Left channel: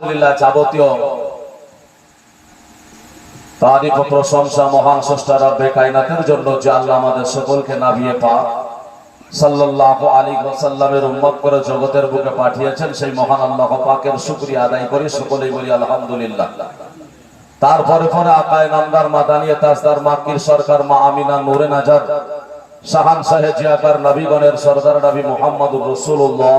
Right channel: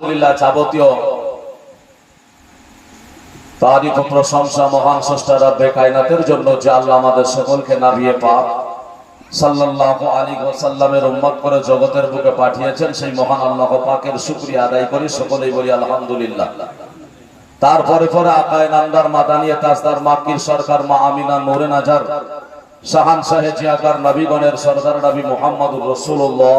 আলহামদুলিল্লাহ যাবতীয় তারিফ ও প্রশংসা মহান স্রষ্টা রব্বে কায়নাতের জন্য যে আল্লাহ আমাদের সকলকে নবিয়ে পাক সাল্লাল্লাহু আলাইহি ওয়াসাল্লামের উম্মত করে জগতের বুকে পাঠিয়েছেন, সেই মহান আল্লাহ পাকের শুকরিয়া আদায় করি, সকলেই বলি আলহামদুলিল্লাহ। তারপরে পরে আকায়ে নামদার মাদানিয়ে তাজদার মাক্কির সরকার মা আমিনা নূরে নাজার শাহানশাহে জিয়াকার নবীগণের সরদার নবী মুহাম্মদুর রাসূলুল্লাহ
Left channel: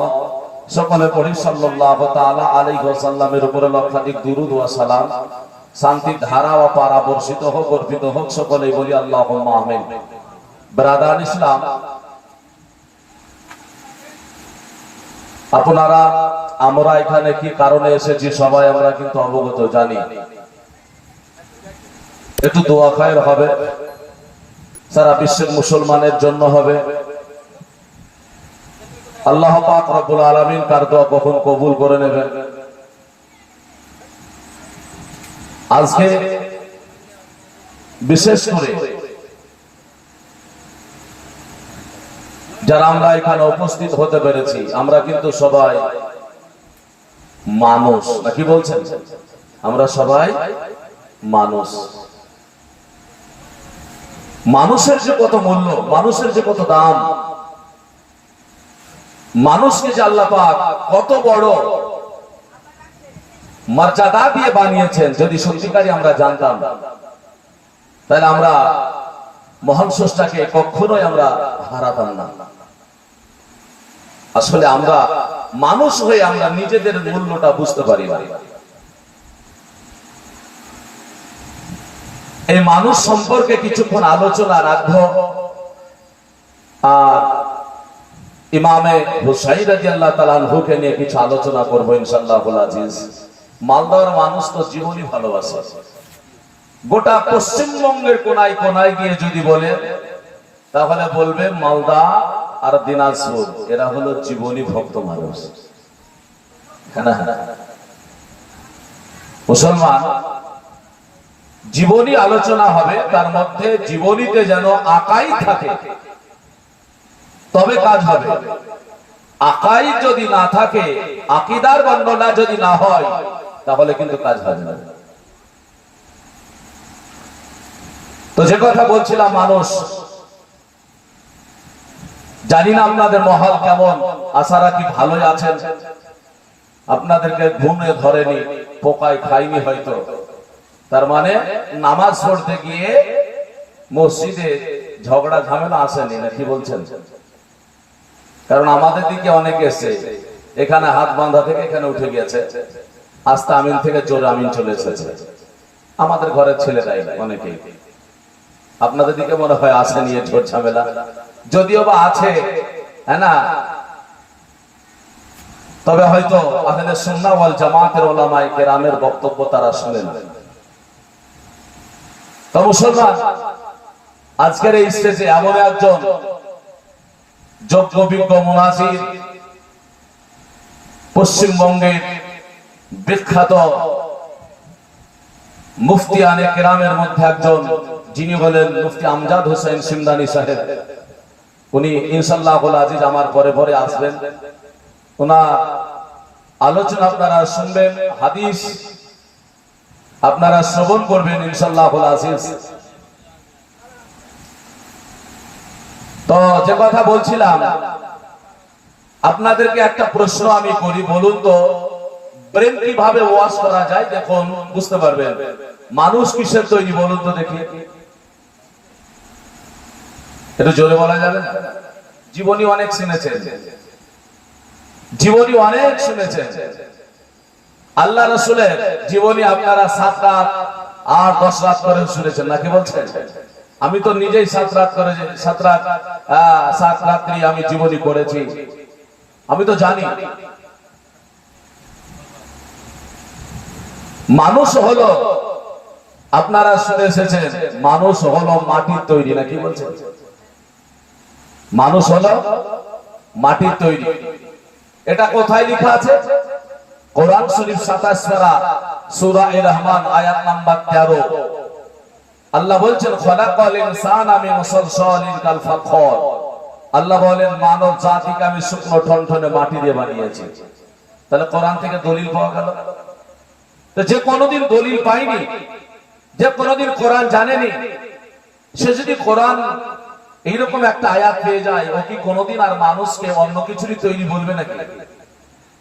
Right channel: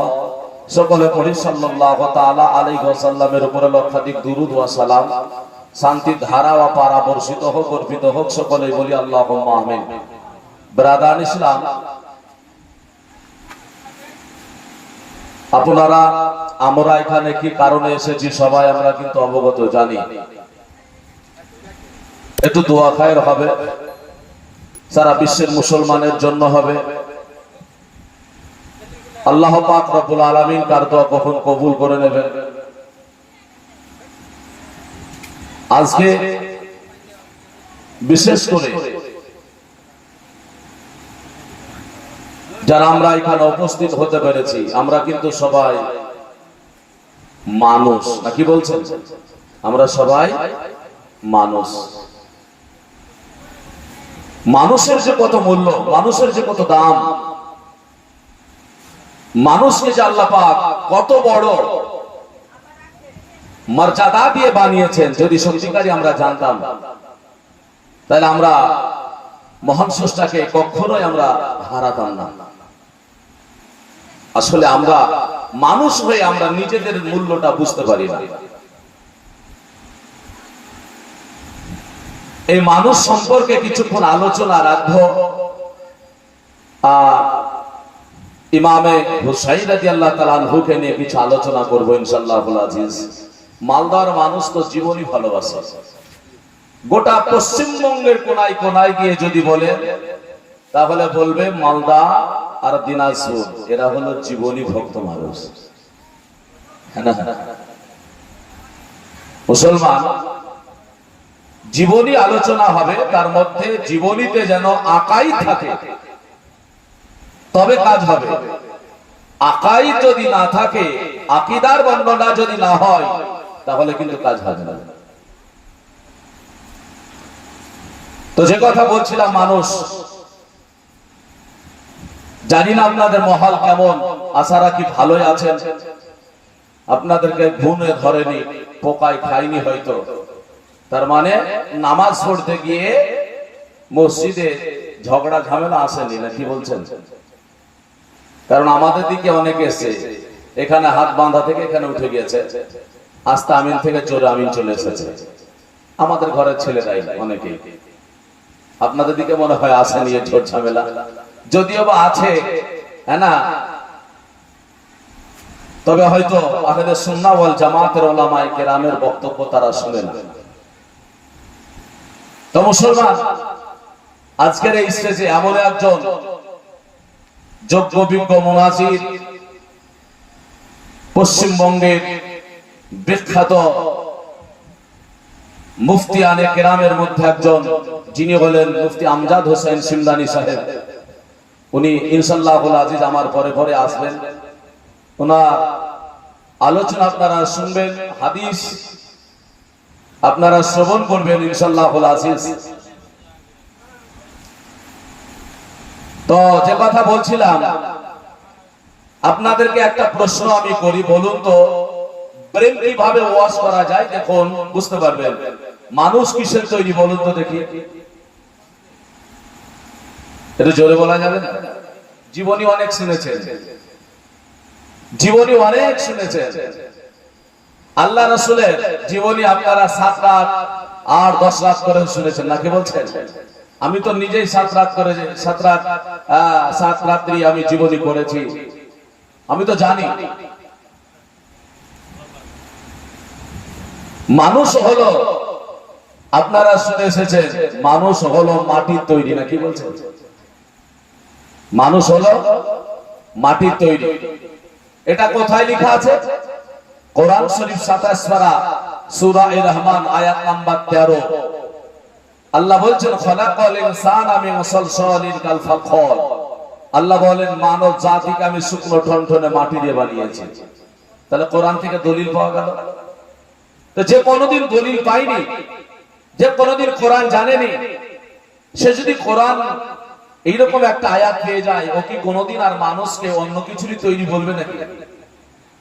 সকলে পড়ি সাল্লাল্লাহু তাআলা আলাইহি ওয়াসাল্লামের উপরে লক্ষাধিক দুরূদ ওয়া সালাম, শান্তির ধারা ও পারা বর্ষিত হোক, অর্পিত হোক, সকলেই বলি আল্লাহুম্মা আমিন। ব্রাদার ইসলাম, আপনারা আমরা এখানে কি কারণে এসেছি সবাই আমরা কিন্তু অবগত জানি। একটু দোয়া খায়ের হবে, সারা বিশ্বের মুসলমানের জন্য হবে। আল্লাহ পাক রব্বুল আলামিন কার দোয়া কখন কবুল করে নেবেন। আজকে বিশেষ করে যারা আমরা এখানে উপস্থিত হতে পেরেছি, আমরা কিন্তু সবাই মানুষ, নাকি বলছেন? আমরা সবাই মানুষ। মানুষের যে কত মূল্য, মানুষের যে কত দাম, মানুষকে যে আল্লাহ পাক কত বড় মর্যাদা দিয়ে বানিয়েছেন, যদি সত্যিকারই আমরা জানতাম তাহলে আমরা মহান স্রষ্টাকে কখনোই আমরা হারাতাম না। আসলে আমরা মানুষ হয়ে আমরা নিজেদের মূল্যটা বুঝতে পারি না। এই মানুষ সম্পর্কে কিছুক্ষণ আলোচনা রাখবো। আর ইমামে হুসাইন রাদিয়াল্লাহু তাআলা আনহুকে নিয়ে কিছু আলোচনা করব ইনশাআল্লাহুল আজিজ। মালদার মানুষ তো জীবনই ভালোবাসে। গোটা পশ্চিমবঙ্গের কোনায় কোনায় গিয়ে যদি বলে তাহলে বলবে মালদা আর দিনাজপুর এরা হলো জীবনী ভক্ত মানুষ। মুসলমান জীবনী আলোচনা হবে, তার মধ্যে জীবনীতে যেন আকাই থাকে তবে কাজ হবে। আকাই যদি না থাকে, আকীদার বর্ণনা যদি না হয়, তাহলে কিন্তু কাজ হবে না। তো যে কথা বলছিলাম, মানুষ, জানি না আপনাদের মহল কেমন, আশা রাখি ভালোই আছেন। আপনাদেরকে ঘুমে ধরেনি, পোকায় খাইনি হয়তো, তার মানে নামাজ পড়তে গিয়ে মসজিদে ঝগড়া ঝামেলা আসেনি, না কি বলছেন? কারণ আমাদের দিকে অনেকে এসে এখানে হাত বাঁধা থেকে এখানে উঠে গেছে, আস্তে আমিন থেকে জোরে আমিন চলে এসেছে। আমাদের ঘরের ছেলেরাই অনেকেই। আপনাদের দিকে মনে হয় আসেনি ঝোট ঝামেলা, যদিও বা আছে, হ্যাঁ না, তবে হয়তো আহলে সুন্নাহ ওয়াল জামাতের উলামায়ে কেরামের বক্তব্য তারা শুনে না। তো মুসলমান, আজকের এই স্টেজে এমন একজন যোগ্য বিজ্ঞ মুনাজির, পশ্চিমবঙ্গের বিখ্যাত মুফতিয়ানে কেরামের মধ্যে একজন, যিনি হলেন মুফতি আমজাদ হোসেন সিমদানি সাহেব। উনি ইনশাআল্লাহুল আজিজ আমার পরে পরে আসবেন। ওনার আলোচনা আপনারা শুনবেন, হাদিস আপনারা শ্রবণ করবেন ইনশাআল্লাহুল আজিজ। তো যে কথা বলছিলাম, আপনাদেরকে একটা প্রশ্ন আমি করি, বলুন তো প্রেম কিভাবে ওয়াজ করা যায়? দেখুন, বুঝতে পারবেন। মানুষ কিসের তৈরি বলুন তো দেখি, একটু জোরে বলা যাবে না? জীবনী অনেক শুনেছেন, জীবনী অনেক শুনেছেন। আল্লাহ রাসূলের জীবনী আপনারা 7 রাত আর 10 রাত করে শুনেছেন, নাকি বলছেন? আমি তো নিজেই 7 রাত্রি আমি জীবনী করেছি, আমি তো জানি। মানুষ হলো, আপনারা শুনে এসেছেন, মানুষ হলো মাটির তৈরি, নাকি বলছেন? মানুষ হলো মাটির তৈরি। এটা কোথায় লেখা আছে? কোরআন শরীফ 27 পারা সূরা আর-রহমান আয়াত নাম্বার 13। আল্লাহ বলছেন, খলাকাল ইনসানা মিন সালসালিন কাল ফাখর। আল্লাহ বলেন, মানব জাতিকে আমি শুকনো ঠনঠনে মাটি দিয়ে বানিয়েছি। তাহলে কোরআন থেকে দলিল পাওয়া গেল। তো যে কোনোদিন দলিল পায়নি, যে কোনোদিন কোরআন জানেনি, সে যদি কোরআন এইরকম একটা আয়াত পেয়ে যায়, ও কি কোনোদিন আর মানুষকে অন্য কিছুরই তৈরি বলবে নাকি?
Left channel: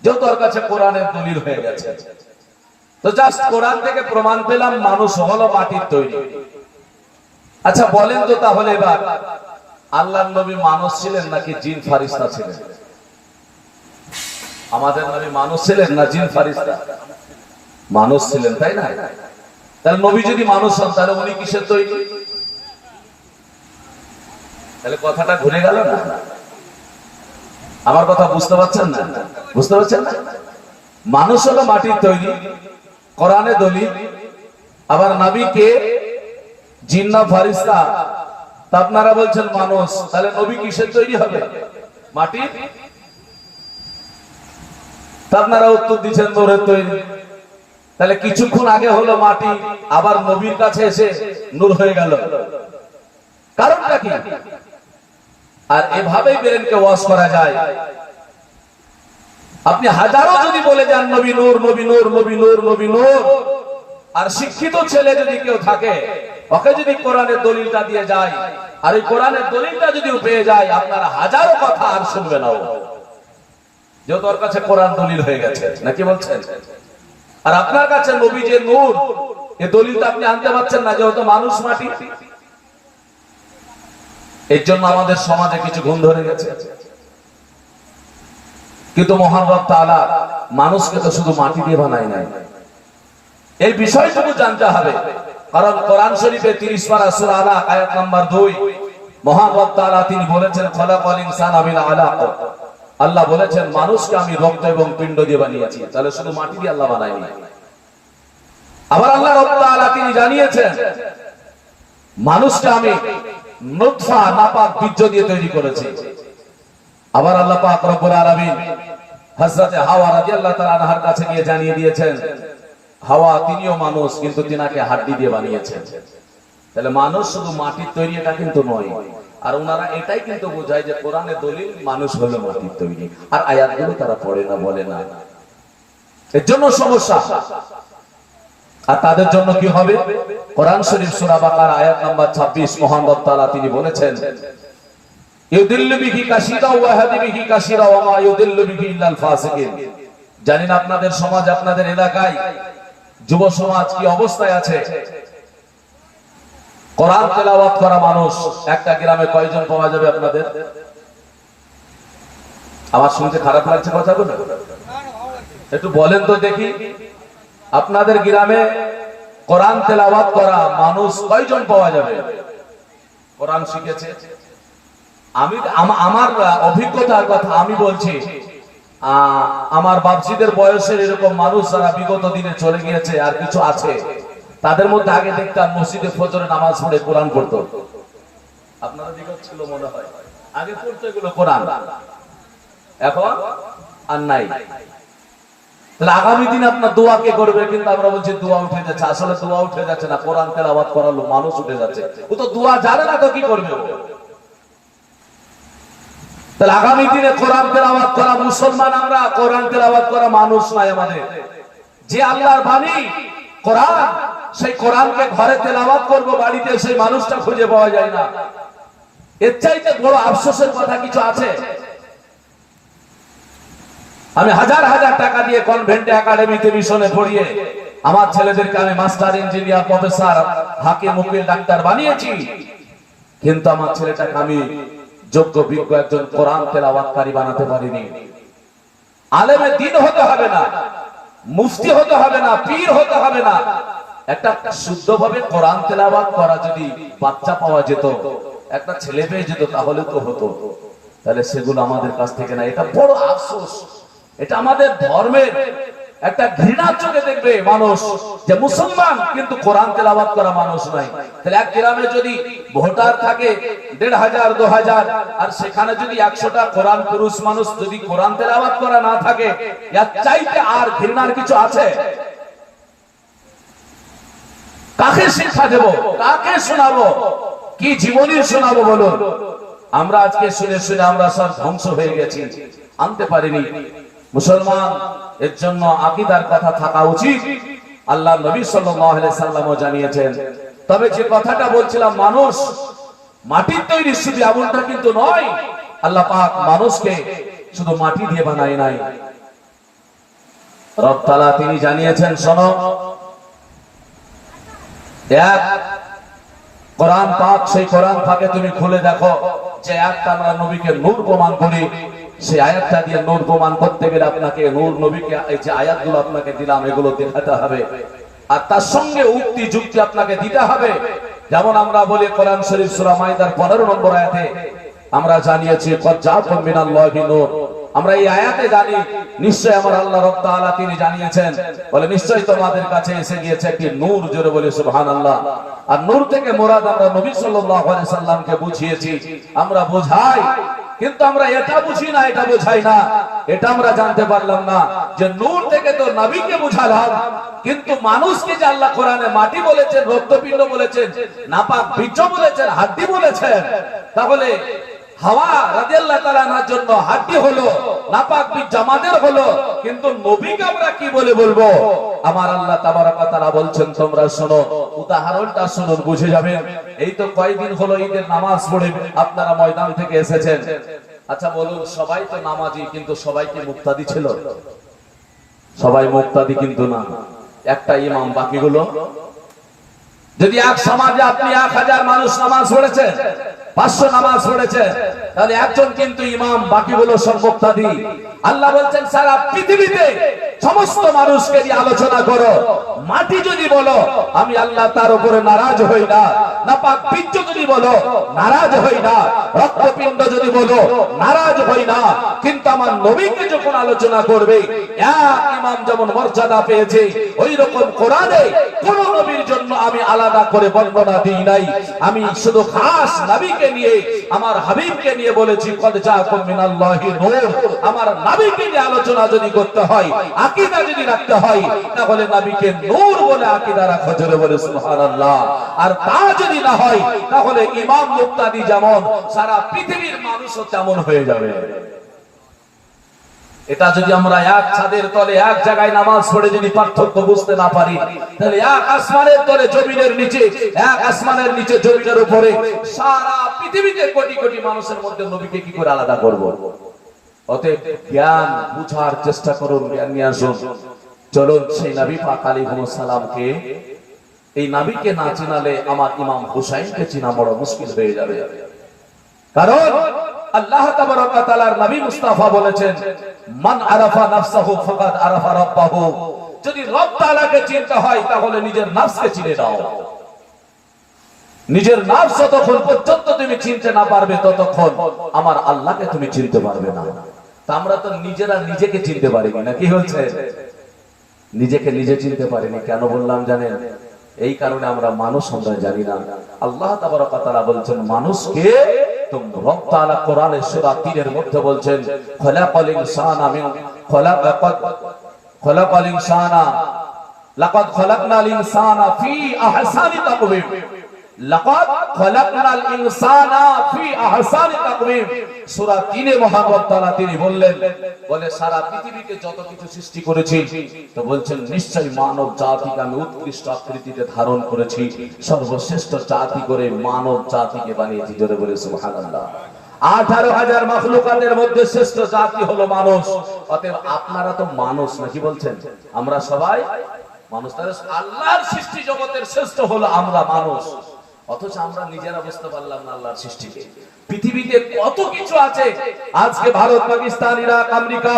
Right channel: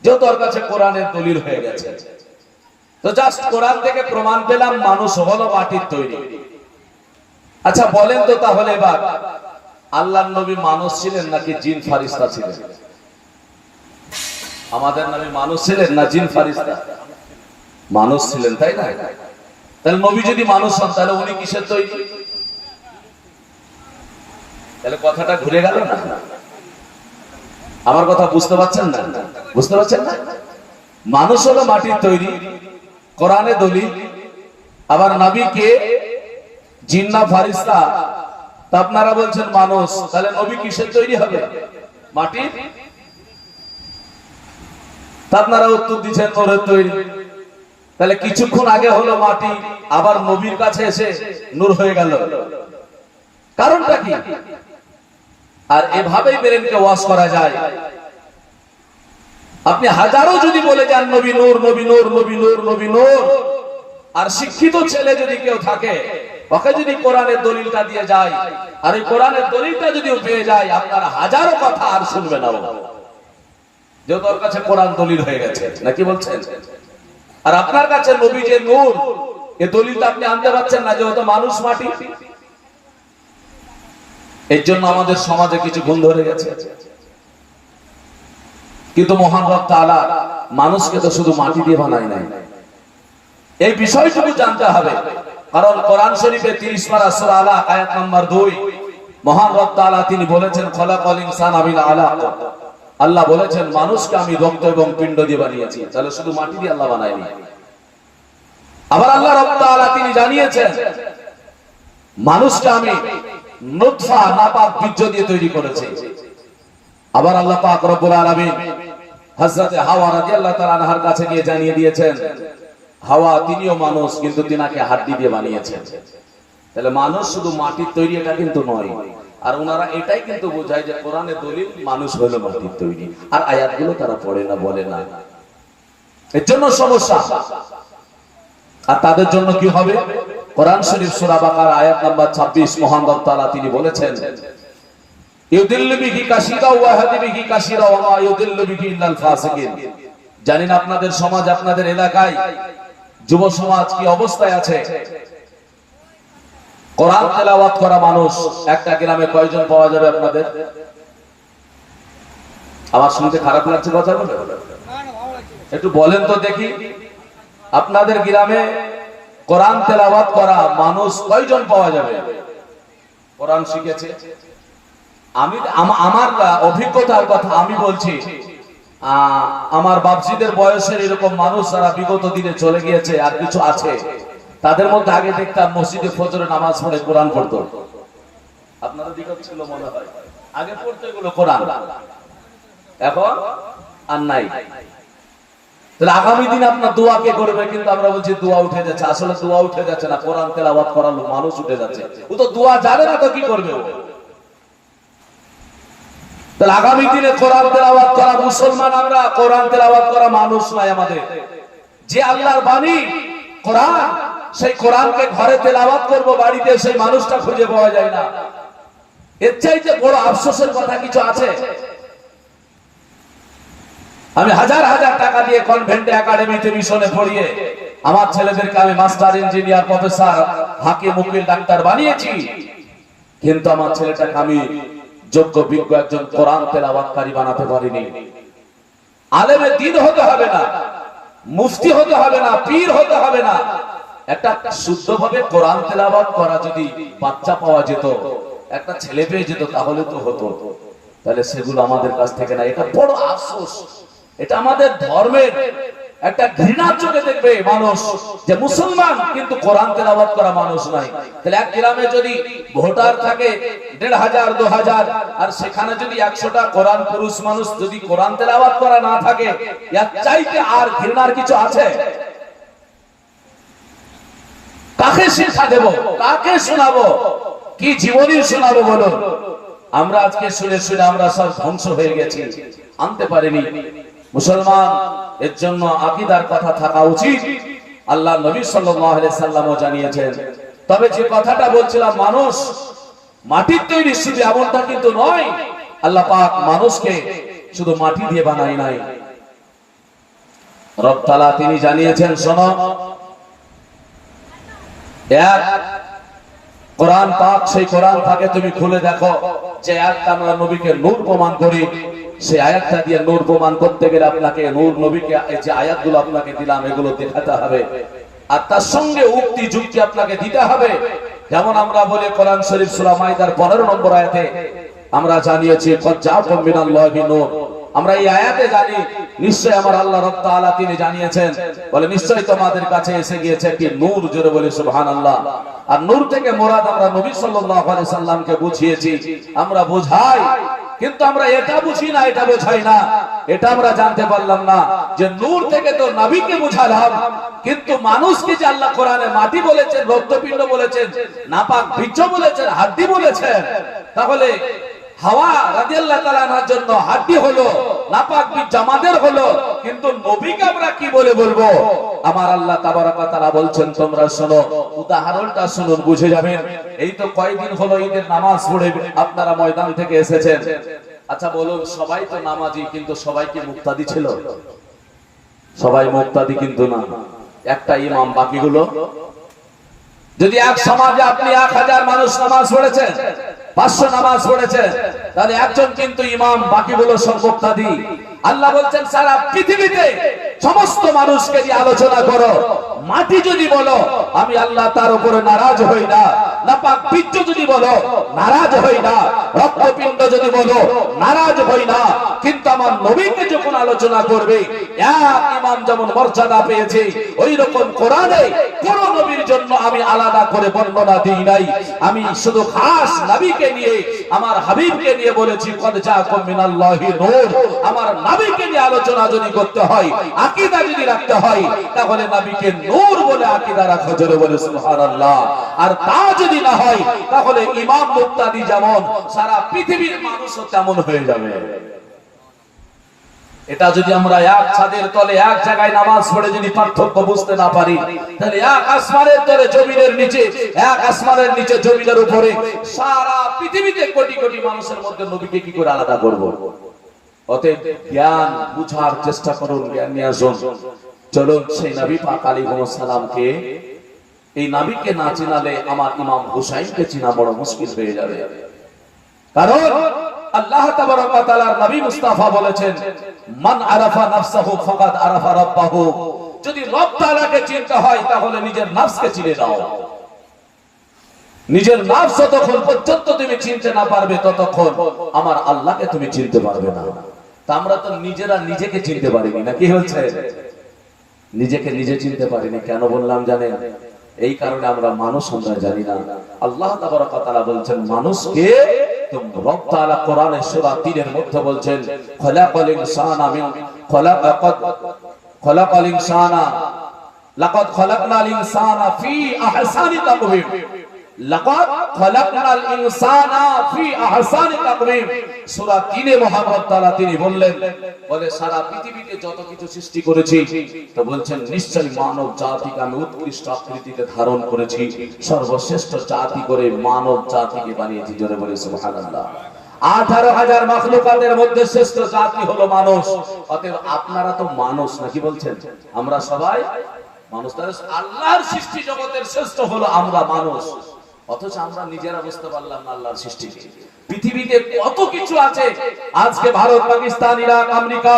যেহেতু ওর কাছে কোরআনের দলিল হয়ে গেছে, তো জাস্ট কোরআন থেকে প্রমাণ পেলাম মানুষ হলো মাটির তৈরি। আচ্ছা বলেন তো তাহলে এবার, আল্লাহর নবী মানুষ ছিলেন নাকি জিন ফারিস্তা ছিলেন? আমাদের নবী মানুষ ছিলেন না জিন ফারিস্তা? মানুষ ছিলেন, তাই না? তাহলে নবী যদি মানুষ হন, তাহলে উনি কিসের তৈরি? তাহলে কথাটা ঘুরে গেল না? আমার কথা বুঝতে পারছেন না? বুঝতে পারছেন না? মানুষ হলো মাটির তৈরি, কোরআনে দলিল। আবার নবী কে? জিন না ফারিস্তা? তা আপনারা বলছেন মানুষ, তাহলে নবী কিসের তৈরি হবে? মাটির। তা আপনারা উত্তর দিচ্ছেন নূরের তৈরি। তাহলে কিছুক্ষণ আগে হলো মাটি, আবার নবীর কাছে এসে নূর হয়ে গেল, কারণটা কি? আর এভাবেই ব্রেনকে ওয়াশ করা যায়। আপনি হাজারো যদি বলে যান নবী নূর, নবী নূর, নবী নূর, নবী নূর, আর শিক্ষিত ছেলে যদি কেউ থাকে, ওকে যদি কোরআনের দলিলটা দিয়ে যায়, আর এই কোরআনের দলিলটা যদি পেয়ে যায়, আপনারা হাজারো কথা আর শুনবে না, যেহেতু ওর কাছে কোরআন দলিল হয়ে গেছে। নাকি বলছেন? আর আপনার কাছে নবী যে নূর, এই দলিলটা আপনি আনতে পারছেন না, যেহেতু মানুষ মাটি। এর জন্য আমাদের সমাজে কিছু গুণ ধরে গেছে। কিন্তু মহান রব তাআলা মানুষকে তো শুধু মাটি দিয়ে বানায় নাই, এই বিষয়টুকু জানতে হবে। কারণ কোরআন শরীফে 30 পারা সূরা আলাক আয়াত নাম্বার 2, মহান রব তাআলা তিনি বলেছেন খলাকাল ইনসানা মিন আলাক। আল্লাহ বলেছেন মানুষকে আমি রক্ত এবং পিণ্ড দিয়ে বানিয়েছি। তাহলে শুধু মাটি দিয়ে আল্লাহ বানায়নি। আবার আল্লাহ রব তাআলা তিনি জানিয়েছেন মানুষকে আমি নুতফা নাপাক বীর্য দিয়ে তৈরি করেছি। আবার আল্লাহ পাক রব্বুল আলামিন হযরত হাওয়া রাদিয়াল্লাহু তাআলা আনহার কাছে গিয়ে জানিয়ে দিয়েছেন হাওয়া তিনিও মানুষ, কিন্তু তিনাকে হাড্ডি দিয়ে বানিয়েছেন। তাহলে মানুষ শুধু মাটির তৈরি এটা কিন্তু নয়। আর ওনারা এটাই কিন্তু বোঝায় যে কোরআনের দলিল মানুষ হলো মাটির তৈরি, আর আয়াতগুলো তারা পড়ে না, বলে না। এর জন্য সমস্যা। আর তাদের জন্য কি হবে? কোরআন শরীফ সূরা বাকারা আয়াত নাম্বার 26 মহান রব তাআলা তিনি বলেছেন ইউদিল্লু বিহি কাসীরা ওয়া ইয়াহদি বিহি কাসীরা ওয়া মা ইউদিল্লু বিহি ইল্লাল ফাসিকিন। জানেন আপনাদের সমাজ, আপনাদের এলাকায় যুব সমাজ কি অবস্থায় আছে? কোরআন তেলাওয়াত করা মানুষ একটা গ্রামে কয়জন পাওয়া যাবে আপনাদের? আমার শুনতে খারাপ লাগছে কথাগুলো? একটু বলেন তো দেখি, আপনাদের গ্রামে কোরআন তেলাওয়াত করা মানুষ কয়জন পাওয়া যাবে? কোরআন শিখেছে? আমি আমার অভিজ্ঞতার কথা আমি বলছি। আমার বাপজিদের বয়সের এরকম মানুষ যারা বিগত দিনে চলে গিয়েছে আর কিছু আছে, তাদের মধ্যে আগে দেখতাম মসজিদে ফজরে নামাজ পড়ে কোরআন পড়তো। আপনারা দিকে ছিল মনে হয়, আগে পড়তো এগুলো কোরআন, এখন আর নাই। তাহলে আগামী দিন আপনার দোয়া কে করবে? কিন্তু আমরা বলছি দোয়া উঠে যাচ্ছে। আসলে দোয়া উঠে যাচ্ছে না, কোরআন তেলাওয়াত করালো মানুষ উঠে যাচ্ছে। ও তো দোয়া জানে না, তো কি করবে? তাহলে আগামী দিনে কোরআন তেলাওয়াত করা মুসলমান আমরা, কোরআন তেলাওয়াত করা মানুষ নাই আমাদের। যে আল্লাহর বাণী কোরআন, সেই কোরআনকে ঘরে তেলাওয়াত করব, বাড়িতে সেই মানুষটা খুঁজে পাওয়া যায় না। এর চাইতে বড় আফসোসের কথা কিছু আছে? আমি হাজার হাজার টাকা দিয়ে কনভেন্টে একাডেমিতে মিশনে পড়িয়ে আমার ছেলেদেরকে আমি মাস্টার, ইঞ্জিনিয়ার, প্রফেসর, হাকিম, উকিল, ডাক্তার বানিয়েছি, কিন্তু আমার ছেলেটাকে আমি যোগ্য বিজ্ঞ একজন কোরআন তেলাওয়াতকারী বানাতে পারিনি। আলেমে দ্বীন হতে হবে না, মুফতি হতে হবে না, পীর হতে হবে না, একটা শুদ্ধভাবে কোরআন তেলাওয়াত করা যদি বাচ্চা পাওয়া যেত, একটা ছেলে পেয়ে যেত, তাহলে তো হতো। তাহলে সেগুলো আমাদের কাছ থেকে না। এটা বড় আফসোস। এটা আমাদের ধর্মের একটা ঘৃণার চোখে দেখবে মানুষ যে মুসলমান কিন্তু কোরআন তেলাওয়াত করা মানুষ নাই। তাহলে এক গ্রামে যদি ভোটার থাকে 1500 2000, আর সেখানে যদি 100টা কোরআন পুরুষ মানুষ যদি কোরআন তেলাওয়াত করা না থাকে, এর চাইতে আর ঘৃণার কিছু আছে? কাকে শিক্ষা দেব? কাকে শোনাবো? কি জীবনী শোনাবো বলুন? আমরা আজকে শুনে শুনে আমরা সব ধ্বংস হয়ে গেছি, আনতে পারিনি। মুসলমান এর জন্য আকীদার কথা থাকা উচিত। আল্লাহ নবী সাল্লাল্লাহু আলাইহি সাল্লামও জানিয়েছেন। তবে যে কথাটা বলছিলাম, মানুষ মাটির তৈরি শুধু এমনটা কিন্তু নয়। আল্লাহ পাক মানুষকে শুধু মাটি দিয়ে বানায় নাই, রব তাআলা তিনি জানিয়েছেন, শোনো, এক কোরআন পাক, সেই কোরআন পাকে তুমি খুলে দেখো যে আয়াতটা আমরা নবীকে নূর প্রমাণ করি, সেই আয়াতটা দিয়ে নূর প্রমাণ করতে গেলে আপনাকে নূর নবীকে এই যে আয়াতগুলো আপনাকে দিলাম এগুলো দেখাতে হবে, আর তার সঙ্গে উক্তি যুক্তি আপনাকে দিতে হবে। যেমন আমরা বলি কোরআন শরীফ সূরা মাইদার 15 নম্বর আয়াতে আমরা জানিয়েছি কদ জাআকুম মিনাল্লাহি নূর। আমরা এই আয়াতে জানি নিশ্চয় আমার আল্লাহ রাব্বুল তাআলা তিনি জানিয়েছেন, বলে নিশ্চয় তোমাদের কাছে এসে গিয়েছে একটি নূর, জোরে বলি সুবহানাল্লাহ। আর নূর থেকে মুরাদ আমরা নবী সাল্লাল্লাহু আলাইহি সাল্লামকে বুঝিয়েছি, আমরা বোঝাই, কিন্তু আমরা এটা বুঝি না, এটা বোঝাই না, এটা আমরা জানতে পারলাম না যে নূর থেকে তো নবীকে বুঝালাম, কিন্তু মানুষকে যে আল্লাহ কোরআনে মাটি বলেছেন, রক্তপিণ্ড বলেছেন, নাপাক বীর্য বলেছেন, হাড্ডি বলেছেন, তাহলে হাওয়া রাদিয়াল্লাহু তাআলা আনহার জন্য হাড্ডি হলো, নাপাক বীর্য আমাদের হলো, কিন্তু নবীকে আমরা কি বলে বলবো? আমার আল্লাহ তাবারক ওয়া তাআলা বলছেন, তোমরা শোনো, উদাহরণটা শুনুন, বুঝে যাবেন। এই তো কয়েকদিন হলো ঈদের নামাজ পড়ে আপনারা ময়দান থেকে এসেছেন। আচ্ছা বলুন, সবাই তো নামাজি, কিন্তু সবাই কি মুক্তাদি ছিল? সবাই মুক্তাদি কিন্তু না, একটা ইমাম, বাকিগুলো। যদি এক সমাজে আপনি 1000 মানুষ নামাজ পড়েছেন, 500 নামাজ পড়েছে, তাহলে একজন কিন্তু ইমাম, বাকিগুলো সব মুক্তাদি। আল্লাহ বলছেন সারা পৃথিবীতে সমস্ত মানুষকে দিয়ে আলোচনা করো, মাটি যদি বলো আমি আল্লাহ তার উপরে নারাজ হই না, নাপাক বীর্য যদি বলো নারাজ হই না, রক্তপিণ্ড যদি বলো নারাজ হই না, কিন্তু আমার নবীকে যখন আলোচনা করবে, এক ইমাম যেমন মর্যাদা পেয়েছে, ওই রকম কোরআনে কোন নবীর জন্য আমি আলাদা করে বর্ণনা দিই নাই। আমি শুধু খাস নবীকে নিয়ে, আমার হাবিবকে নিয়ে বলেছি কদ জাআকুম মিনাল্লাহি নূর। আমার নবীকে নিয়ে আলোচনা যদি করতে হয়, আকীদা যদি রাখতে হয়, তাহলে নবীকে নূর বলে আকীদা রাখা, জোরে বলে সুবহানাল্লাহ। আর তা যদি না হয়, তাহলে ইমাম মুক্তাদি যেমন, সারা পৃথিবীর মানুষও তেমন হয়ে যাবে। এটা যদি আমরা এক ছাদের তলে এক জায়গায় নামাজ পড়ে যদি পার্থক্য বুঝতে না পারি, তাহলে এক আসমানের তলে জমিনের নিচে, এক আসমানের নিচে জমিনের উপরে, সারা পৃথিবীতে কোটি কোটি মানুষের মধ্যে নবীকে কি করে আলাদা করব? অতএব জ্ঞান বুঝার চেষ্টা করুন, জ্ঞান নিয়ে আসুন। চলুন সেই নবী পাক আলাইহিস সালামকে, এই নবীকে না চিনালে আমার ইমাম হুসাইনকে চিনা বড় মুশকিল হয়ে যাবে। কারণ আল্লাহ তাবারক ওয়া তাআলার নবী মুস্তাফা বলেছেন, মান আরাফা নাফসাহু ফাকাদ আরাফা রাব্বাহু। যদি রব তাআলাকে চিনতে হয়, তাহলে নিজের নফসকে চিনে নাও। নিজের নফস যতক্ষণ পর্যন্ত তুমি চিনতে না পারবে, ততক্ষণ আমার আল্লাহকে তুমি চিনতে পারবে না। তা আমরা তো নিজেরা নিজেকে চিনতে পারিনি না, কি হচ্ছে? নিজেকে নিজে চিনতে পারিনি। কেন বললাম জানেন? এই কারণে আমরা মানুষ আমরা জানি না। আল্লাহ তাবারক ওয়া তাআলা বলছেন মানুষকে, তো রব তাআলা কোরআনে সূরা 3 এর মধ্যে বলছেন খলাকাল ইনসানা মিন খলাকাল ইনসানা লাকাদ খলাকনাল ইনসানা ফি আহসানি তাকওয়িম। লাকাদ খলাকনাল ইনসানা ফি আহসানি তাকওয়িম। সূরা 3 এ মহান তাআলা তিনি বললেন, বলে সারা পৃথিবীতে যত কিছু সৃষ্টি করেছি, তো বলছেন নিশ্চয়ই মানব জাতিকে আমি উৎকৃষ্ট আকৃতিতে ধারণ করেছি, সর্বশ্রেষ্ঠ জাতি করে মানব জাতিকে বানিয়েছি, জোরে বলে সুবহানাল্লাহ। 18,000 মাখলুকাতের মধ্যে শ্রেষ্ঠ জাতি হলো মানুষ। অতএব আপনারা তো মানুষ, নাকি বলছেন? আমরা সবাই মানুষ। তাহলে আল্লাহর সৃষ্টি জগতের শ্রেষ্ঠ হলো আমরা মানুষ, অথচ আমরা নিজেরা বুঝতে পারলাম না আল্লাহর সৃষ্টিকে। পৃথিবীতে কত কিছু আছে। আজকে Bharat, Pakistan, Iraq, America,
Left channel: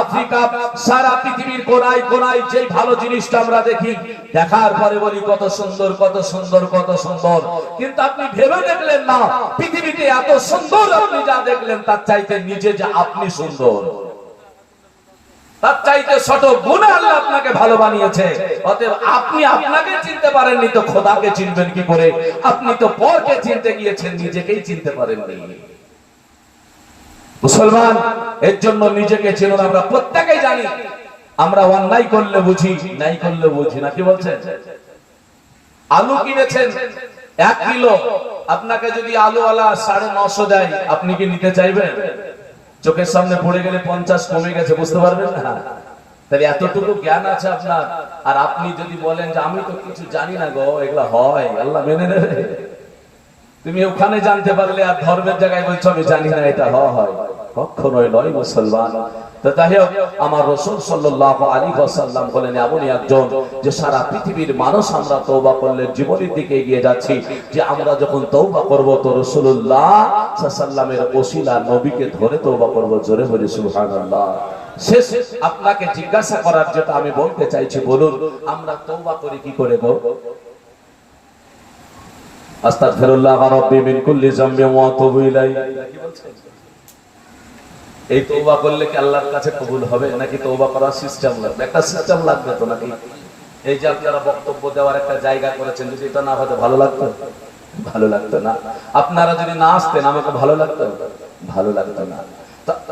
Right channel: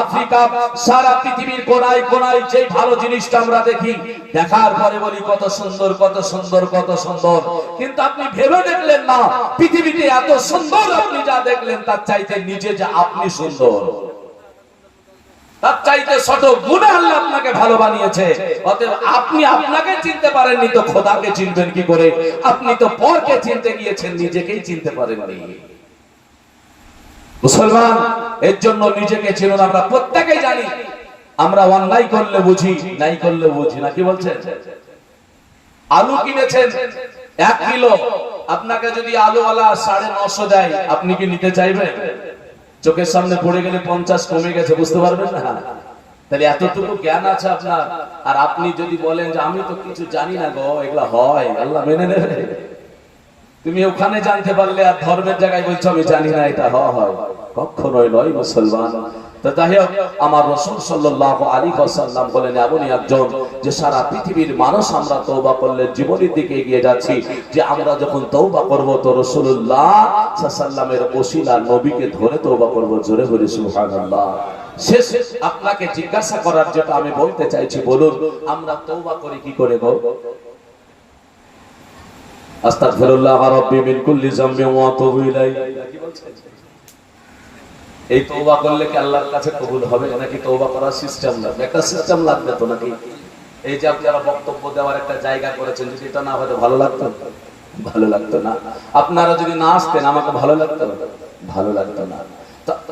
Africa, সারা পৃথিবীর কোনায় কোনায় যে ভালো জিনিসটা আমরা দেখি, দেখার পরে বলি কত সুন্দর, কত সুন্দর, কত সুন্দর। কিন্তু আপনি ভেবে দেখলেন না, পৃথিবীতে এত সুন্দর আপনি যা দেখলেন, তার চাইতে নিজে যা আপনি সুন্দর, তার চাইতে ছোট গুণে আল্লাহ আপনাকে ভালো বানিয়েছে। অতএব আপনি আপনাকে চিনতে পারেননি, তো খোদাকে চিনবেন কি করে? আপনি তো পরকে চিনতে গিয়েছেন, নিজেকেই চিনতে পারেননি। মুসলমান, এর জন্য নিজেকে চিনুন। আমরা প্রত্যেকেই জানি আমরা অন্যায় করলে বুঝি, নাই করলে বুঝি না, কি বলছেন? আলু কিনেছেন 1 কিলো, আপনাকে যদি আলুওয়ালা 950 দেয়, আপনি কি নিতে চাইবেন? চোখের সামনে পড়ে গেলে 50 কমে গেছে, বুঝতে পারবেন না? তাহলে এতটুকু জ্ঞান আছে আপনার, আর আপনি যদি বলেন যে আমি তো কিছু জানি না গো, এগুলা হয়, আল্লাহ মেনে নেবে? তুমি ওখানে জানতে পারলে আর ধর্মের জায়গায় বলছো আমি জানি না, এটা হয়? কখনোই নয় মুসলমান। তো যাই হোক, আমার রাসূল সাল্লাল্লাহু আলাইহি ওয়াসাল্লাম বলেন এমনই একজন যে সারা পৃথিবীর মানুষ আমরা তওবা করলে জীবনের দিকে এগিয়ে যাচ্ছি, যে আমরা যখন তওবা করব তো রাসূলুল্লাহ সাল্লাল্লাহু আলাইহি ওয়াসাল্লামের ওসিলা নবীকে ধরে তওবা করব। জোরে বলি সুবহানাল্লাহ। শেষ আপনাকে জিজ্ঞাসা করার যেটা আমি বলতে চাইছি, বলুন আমরা তওবা করি কি করে গো? আস্তাগফিরুল্লাহ রাব্বি মিন কুল্লি যামবিন ওয়া আতুবু ইলাইহি, কি বলছেন? এই তওবা করলে কি আল্লাহর কাছে কবুল হবে, নাকি তওবা করার সিস্টেম লাগবে? একটা সিস্টেম লাগবে তো নাকি? এই যে আপনারা বক্তব্য দেওয়ার একটা জায়গা করেছেন, যদি এটা না হতো ভালো লাগতো? ভালো লাগতো না। আপনারা যদি না আসতেন আমাকে ভালো লাগতো? ভালো লাগতো না।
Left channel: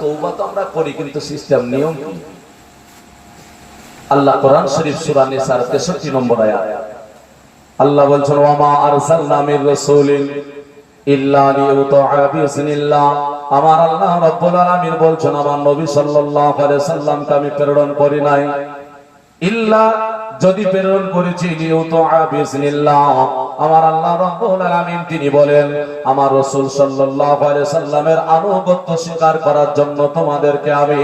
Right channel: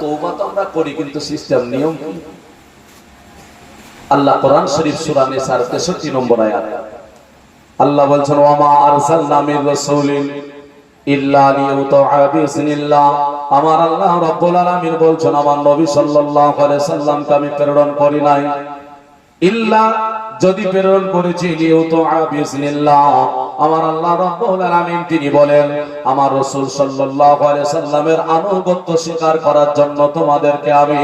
তওবা তো আমরা করি, কিন্তু সিস্টেম নিয়ম কি? আল্লাহ কোরআন শরীফ সূরা নিসার 63 নম্বর আয়াত আল্লাহ বলছেন, ওয়া মা আরসালনা মির রাসূলিন ইল্লা লিইউতাআ বিইজনিল্লাহ। আমার আল্লাহ রাব্বুল আলামিন বলছেন, আমার নবী সাল্লাল্লাহু আলাইহি ওয়াসাল্লামকে আমি প্রেরণ করি নাই, ইল্লা যদি প্রেরণ করেছি লিইউতাআ বিইজনিল্লাহ। আমার আল্লাহ রাব্বুল আলামিন তিনি বলেন, আমার রাসূল সাল্লাল্লাহু আলাইহি সাল্লামের আনুগত্য স্বীকার করার জন্য তোমাদেরকে আমি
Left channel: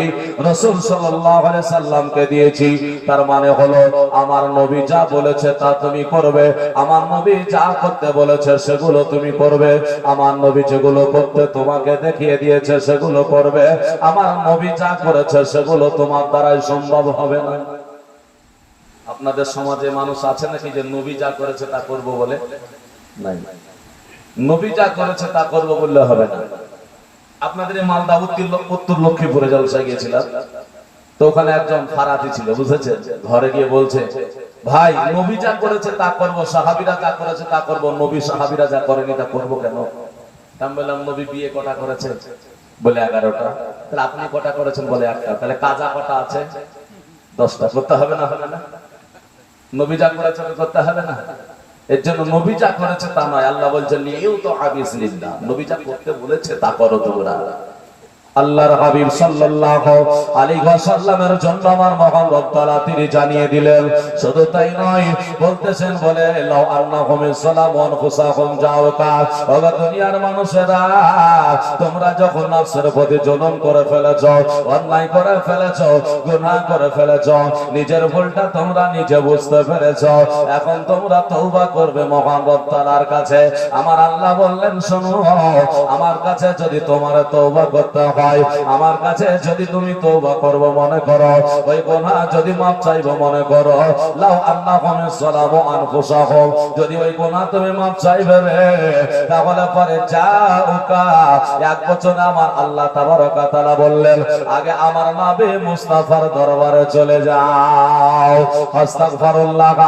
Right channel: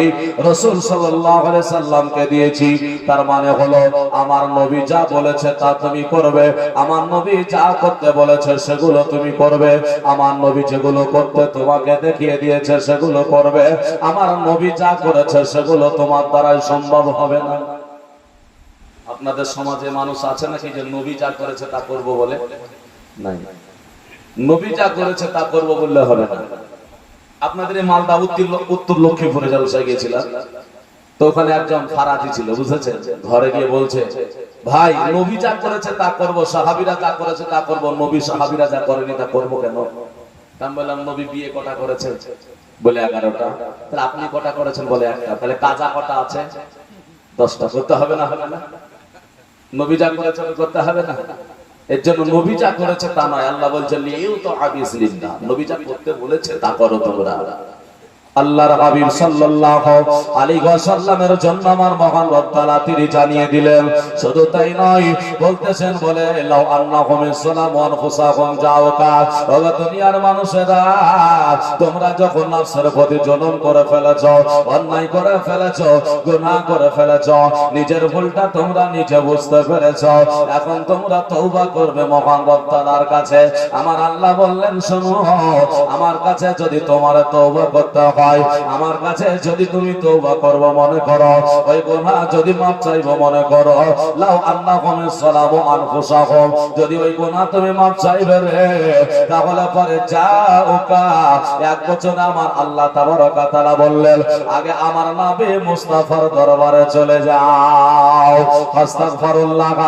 রাসূল সাল্লাল্লাহু আলাইহি সাল্লামকে দিয়েছি। তার মানে হলো আমার নবী যা বলেছে তা তুমি করবে, আমার নবী যা করতে বলেছে সেগুলো তুমি করবে, আমার নবী যেগুলো করতে তোমাকে দেখিয়ে দিয়েছে সেগুলো করবে, আমার নবী যা করেছে সেগুলো তোমার দ্বারাই সম্ভব হবে না। আপনাদের সমাজে মানুষ আছে নাকি যে নবী যা করেছে তা করব বলে? নাই। নবী যা করেছে তা করব বললে হবে না। আপনাদের এই মালদা উত্তর লক্ষ্মীপুরে জলসা গিয়েছিলাম, তো ওখানে একজন ফারাতি ছিল, বুঝেছেন? ঘরে গিয়ে বলছে, ভাই নবী যা করেছে তা করব, সাহাবীরা যা করেছে তা করব, নবী সাহাবীরা যা করেনি তা করব কেন? আমি বললাম, নবী বিয়ে কটা করেছে? বলে 11টা। তাহলে আপনি কটা করেছেন? বলে 1টা। তাহলে কাজা কটা আছে? 10টা। করতে হবে না? হবে না? নবী যা করেছে করতে হবে না? এর জন্য নবী যা করেছে তা নয়, আল্লাহ বলছেন লিইউতাআ বিইজনিল্লাহ, নবী যা করতে বলেছে তা করো তোমরা। আল্লাহর হাবিব সাল্লাল্লাহু আলাইহি ওয়াসাল্লামের জন্য আমার মহান রব তাআলা তিনি জানিয়ে দিলেন। শুধু তাই নয়, বলতেছেন বলে লাউ আন্নাহুম সালামু আনফুসাহুম জাওকা, ও দুনিয়ার মানুষেরা তোমরা যখন নফসের প্রতি জুলুম করে ফেলেছো, অন্যায় করে ফেলেছো, গুনাহ করে ফেলেছো, নিজের ভুলটা তোমরা নিজে বুঝতে পেরেছো, এখন তোমরা তওবা করবে মহান রব তাআলার কাছে। আমার আল্লাহ বললেন, শোনো, আমার কাছে যদি তোমার তওবা করতে হয়, আমার কাছে যদি তুমি তওবা করবে মনে করো, ওই গুনাহ যদি মাফ চাইবো মনে করো, লাউ আন্নাহুম সালামু আনফুসাহুম, যদি ওই গুনাহ তুমি মাফ চাইবে রে, তাহলে পরে যাওকা, এক বছর আমার আল্লাহ তাবারক ওয়া তাআলা বললেন, আগে আমার নবী মুস্তাফার দরবারে চলে যাও, আস্তাগফিরুল্লাহ,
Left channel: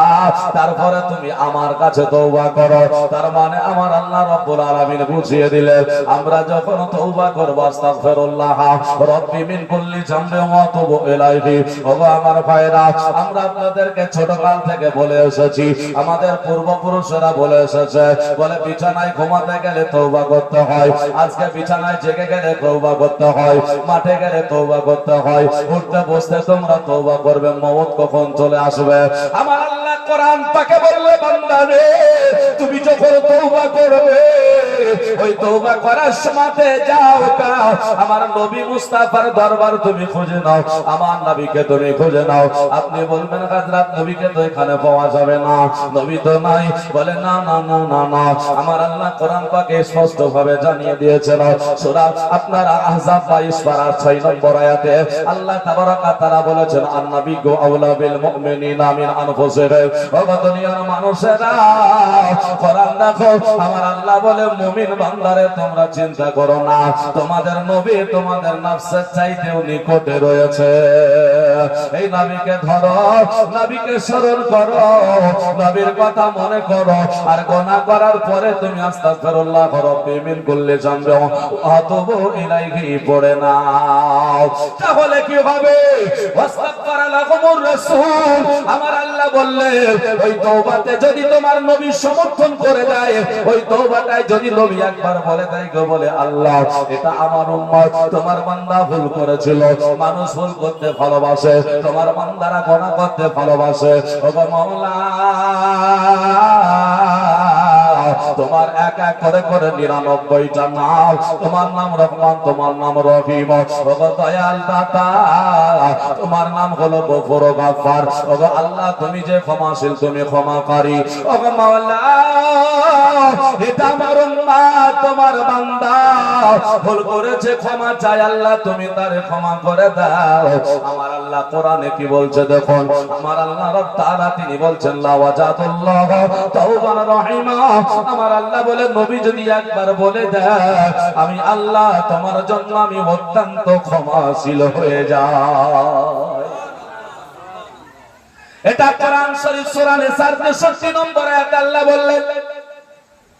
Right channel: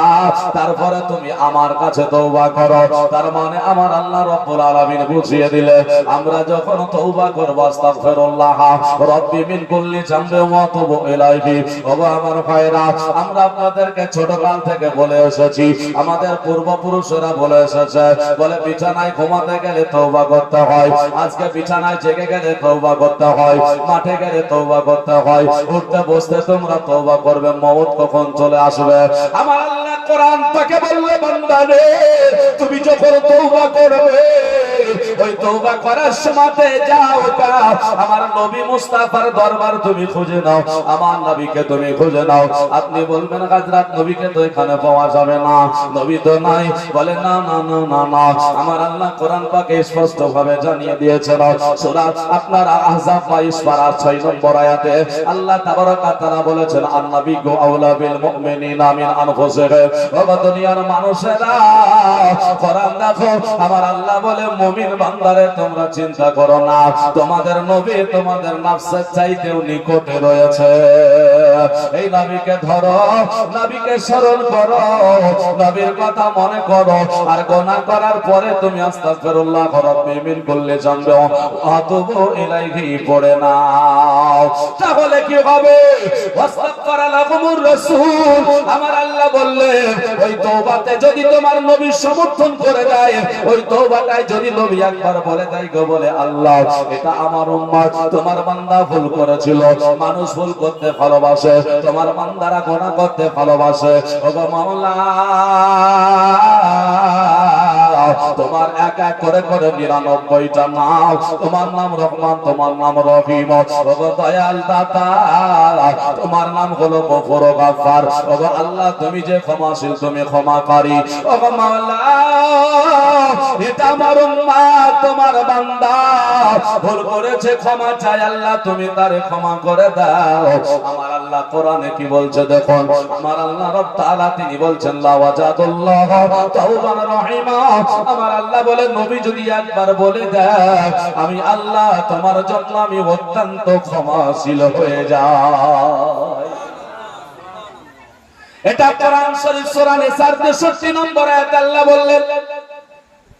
তারপরে তুমি আমার কাছে তওবা করো। তার মানে আমার আল্লাহ রাব্বুল আলামিন বুঝিয়ে দিলেন, আমরা যখন তওবা করব আস্তাগফিরুল্লাহ রাব্বি মিন কুল্লি যামবিন ওয়া আতুবু ইলাইহি। ওগো আমার ভাইরা, আমরা আপনাদেরকে ছোটকাল থেকে বলে এসেছি, আমাদের পূর্বপুরুষেরা বলে এসেছে, বলে বিছানায় ঘুমাতে গেলে তওবা করতে হয়, আজকে বিছানায় জেগে গেলে তওবা করতে হয়, মাঠে গেলে তওবা করতে হয়, উঠতে বসতে তোমরা তওবা করবে, মওত কখন চলে আসবে। আমার আল্লাহ কোরআন পাকে বললে, বান্দা রে তুমি যখন তওবা করবে, ওই তওবা করার সময়তে যাও কা আমার নবী মুস্তাফার দরবার তুমি খুঁজে নাও, আমার নবীকে তুমি খুঁজে নাও। আপনি বলবেন হযরত নবীকে তো এখানে পাওয়া যাবে না, নবী তো নাই। বলে না না না না না, আমার আল্লাহ কোরআন পাকে স্পষ্ট ভাবে জানিয়ে দিয়েছেন। সূরা আপনারা আহজাব 22 পারা 6 নম্বর আয়াতে আল্লাহ তাবারক ওয়া তাআলা বলেছেন, আন-নাবিয়্যু আওলা বিল মুমিনিনা মিন আনফুসিহিম। ও দুনিয়ার মানুষেরা কোরআন দেখো, আমার আল্লাহ বলে, মুমিন বান্দারে তোমরা চিন্তা করো না, তোমাদের নবী তোমাদের নফসের চাইতেও নিকটে রয়েছে। এই নবীকে ধরো, নবীকে স্মরণ করো, নবীর কথা মনে করো, আর গুনাহ করার পরে তুমি আস্তাগফিরুল্লাহ রাব্বি মিন কুল্লি যামবিন ওয়া আতুবু ইলাইহি পড়ে নাও। তাহলে কি হবে? ওয়াস্তাগফারা লাকুমুর রাসূল, আমার আল্লাহ বললেন ওই তওবাতে যদি তোমার নবী সমর্থন করে দেয়, ওই তওবাটাই যদি নবী একবার বলে দেয় গো, বলে আল্লাহ এটা আমার উম্মত, তোমার বান্দা ভুল করেছিল। মানুষ ভুল করতে ভালোবাসে, তোমার বান্দারা গুনাহ করতে ভালোবাসে। ওগো মাওলা, তোমার এক এক করে করে 99টা নাম, তোমার নাম রহমান, তোমার নাম রহিম। ওগো দয়াল দাতা, তোমার নাম হলো গফুর ও গাফফার। ওগো আল্লাহ, তুমি যে ক্ষমাশীল, তুমি ক্ষমাকারী। ওগো মাওলা, এটা আমার উম্মত, তোমার বান্দা ভুল করেছে, ক্ষমা চাই আল্লাহ, তুমি তারে ক্ষমা করে দাও। আমার আল্লাহ কোরআনে কি বলছে দেখুন, আমার আল্লাহ রব তাআলা তিনি বলছেন লা ওয়াজাদুল্লাহ তাওবান রহিমা। আমার আল্লাহ বলে নবী যদি একবার বলে দেয়, আমি আল্লাহ তোমার জন্য আমি অত্যন্ত ক্ষমাশীল হয়ে যাই। এটা কোরআন শরীফ সূরা নিসার 63 নম্বর আয়াত আল্লাহ বললেন,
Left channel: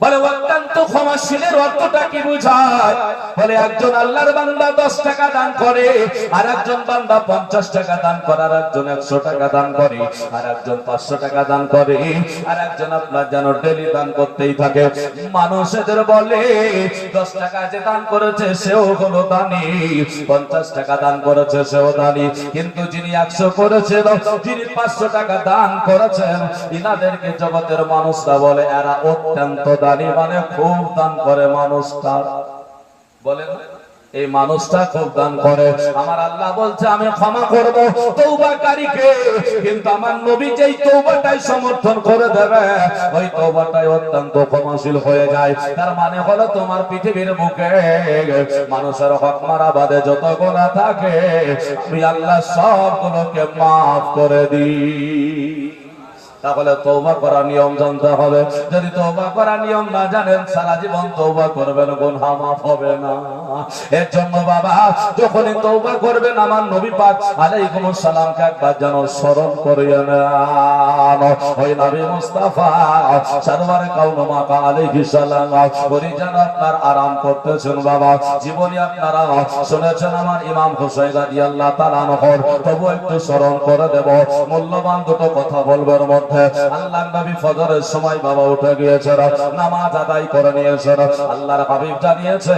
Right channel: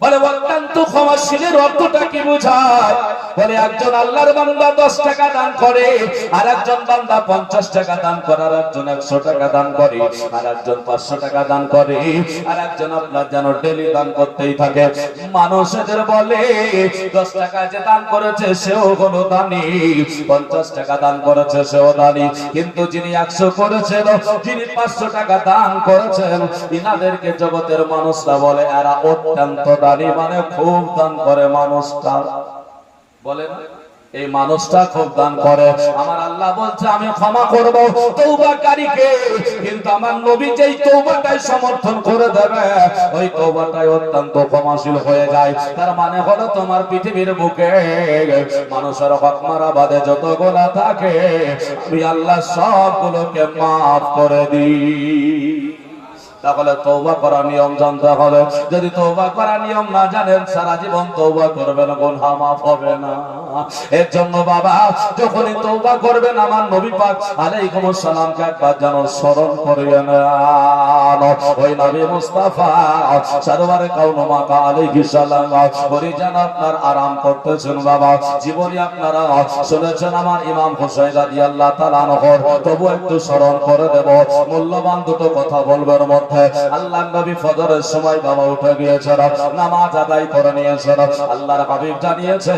বলে অত্যন্ত ক্ষমাশীলের অর্থটা কি বোঝায়? বলে একজন আল্লাহর বান্দা 10 টাকা দান করে, আর একজন বান্দা 50 টাকা দান করে, আর একজন 100 টাকা দান করে, আর একজন 500 টাকা দান করে, আর একজন আপনার যেন ডেলি দান করতেই থাকে। মানুষদের বলে 10 টাকা যে দান করেছে সেও হলো দানি, 50 টাকা দান করেছে সেও দানি, কিন্তু যিনি 100 করেছেন, যিনি 500 টাকা দান করেছেন, ইনাদেরকে জগতের মানুষরা বলে এরা অত্যন্ত দানি, মানে খুব দান করে মানুষটা। বলে না, এই মানুষটা খুব দান করে। আমার আল্লাহ বলছে আমি ক্ষমা করব তওবাকারীকে, কিন্তু আমার নবী যেই তওবাটাই সমর্থন করে দেবে, ওই তওবাটাই অত্যন্ত ক্ষমাশীল হয়ে যায়। তার মানে হলো তোমার পৃথিবীর বুকে মানুষের হক মারা বাদে যত গুনাহ থাকে, আমি আল্লাহ সবগুলোকে maaf করে দিই। তাহলে তওবা করার নিয়ম জানতে হবে। যদি তওবা করার নিয়ম না জানেন, সারা জীবন তওবা করবেন, গুনাহ মাফ হবে না। এর জন্য বাবা, যখনই তওবা করবেন, আমার নবী পাক আলাইহিস সালামকে একবার যেন স্মরণ করিয়ে নেন। ওই নবী মুস্তাফা সরওয়ারে কাউন মাকা আলাইহিস সালাম ওই যেন আপনার আরাম করতেছেন বাবা। জীবনে আপনারা শুনেছেন আমার ইমাম হুসাইন রাদিয়াল্লাহু তাআলা আনহু, তবু একটু স্মরণ করে দেব। মূল্যবান দুটো কথা বলবেন। আল্লাহর নবী ফজরের সময় বাবা উঠে গিয়েছেন, নামাজ আদায় করে নিয়েছেন। আল্লাহর হাবিব জানিয়েছে,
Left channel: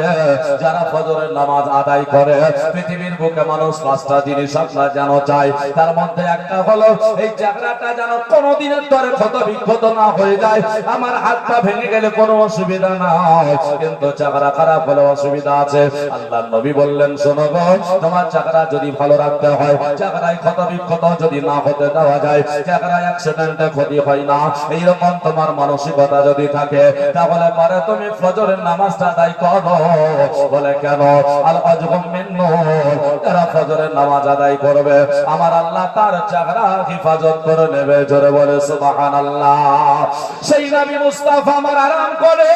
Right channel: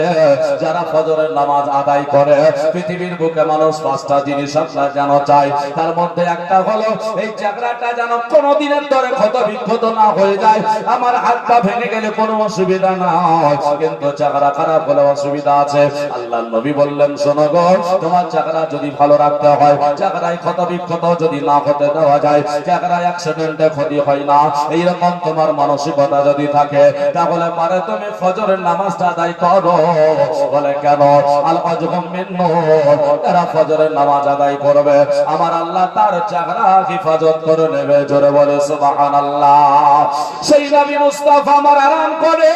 যারা ফজরের নামাজ আদায় করে, পৃথিবীর বুকে মানুষ 5টা জিনিস আপনার যেন চায়। তার মধ্যে একটা হলো এই চাকরাটা যেন কোনোদিনের ধরে ক্ষত বিক্ষত না হয়ে যায়। আমার হাতটা ভেঙে গেলে কোনো অসুবিধা নাই, কিন্তু চাকরা খারাপ হলে অসুবিধা আছে। আল্লাহর নবী বললেন, শোনো গো, তোমার চাকরা যদি ভালো রাখতে হয়, চাকরায় ক্ষত বিক্ষত যদি না হতে দেওয়া যায়, চাকরায় অ্যাক্সিডেন্টে ক্ষতি হয় না, এইরকম তোমার মানসিকতা যদি থাকে, তাহলে পরে তুমি ফজরের নামাজটা আদায় করো। বলে কেন? আল আজহুম মিন নূর, তারা ফজরের নামাজ আদায় করবে, আমার আল্লাহ তার চাকরা হেফাজত করে নেবে। জোরে বলে সুবহানাল্লাহ। সেই নবী মুস্তাফা আমার আরাম করে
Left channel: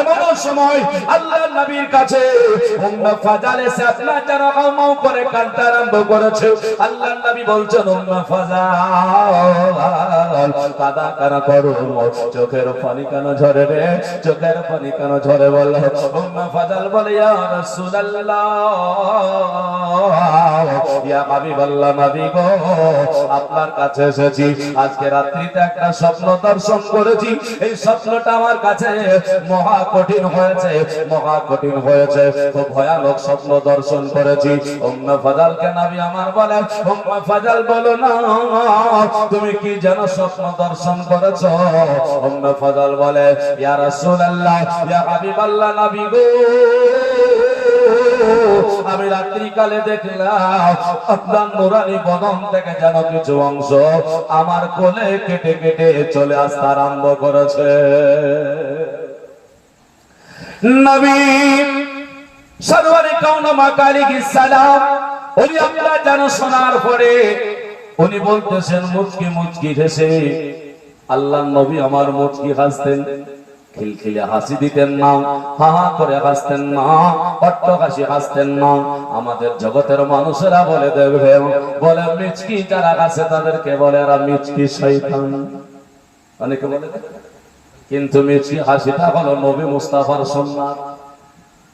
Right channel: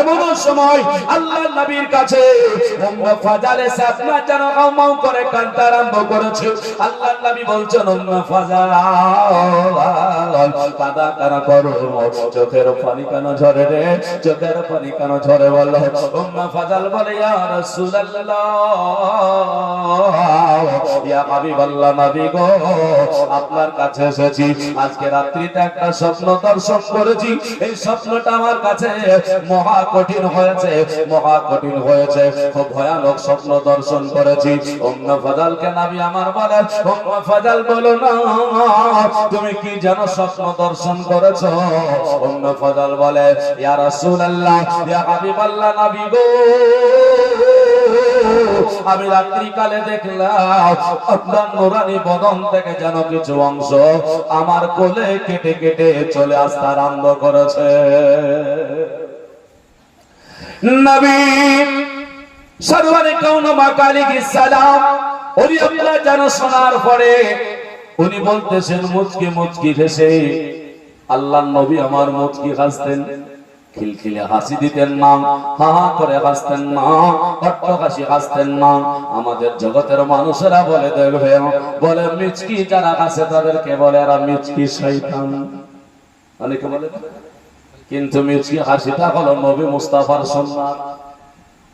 এমন সময় আল্লাহর নবীর কাছে উম্মে ফাজাল এসে আপনার যেন হাউমাউ করে কান্না আরম্ভ করেছে। আল্লাহর নবী বলছেন, উম্মে ফাজাল কাদা কেন করো, চোখের পানি কেন ঝরে রে, চোখের পানি কেন ঝরে? বলল উম্মে ফাজাল বলে, ইয়া রাসূলুল্লাহ, ইয়া হাবিবাল্লাহ, নবী গো, আপনার কাছে এসেছি। আজকে রাত্রিতে একটা স্বপ্ন দর্শন করেছি। এই স্বপ্নটা আমার কাছে মহা কঠিন হয়েছে, মহা কঠিন হয়েছে, খুব ভয়ানক স্বপ্ন দর্শন করেছি। উম্মে ফাজালকে নবী আমার বলে, উম্মে ফাজাল বলো না, তুমি কি যেন স্বপ্ন দর্শন করেছো? উম্মে ফাজাল বলে, ইয়া রাসূলুল্লাহ, ইয়া হাবিবাল্লাহ, নবী গো, আমি রাত্রিকালে দেখলাম আপনার নূরানি বদন থেকে যেন কিছু অংশ আমার কোলে কেটে কেটে চলে আসতে আরম্ভ করেছে। নবী সরওয়ারে কাউন মাকা আলাইহিস সালাম উনি আপনার যেন শোনার পরে উনি বলতেছেন মুচকি মুচকি হেসে, আল্লাহর নবী আমার মুচকি হাসতেন, খিলখিলে হাসি দিতেন না, হা হা করে হাসতেন না, অট্টহাসি হাসতেন না। আমাদের জগতের মানুষেরা বলে দেখবে, বলে মিচকি যারা হাসে তাদেরকে বলে এরা মিচকি শয়তান, অনেকে বলে। কিন্তু মিচকি হাসিটা হলো নবী মুস্তাফার সুন্নাত।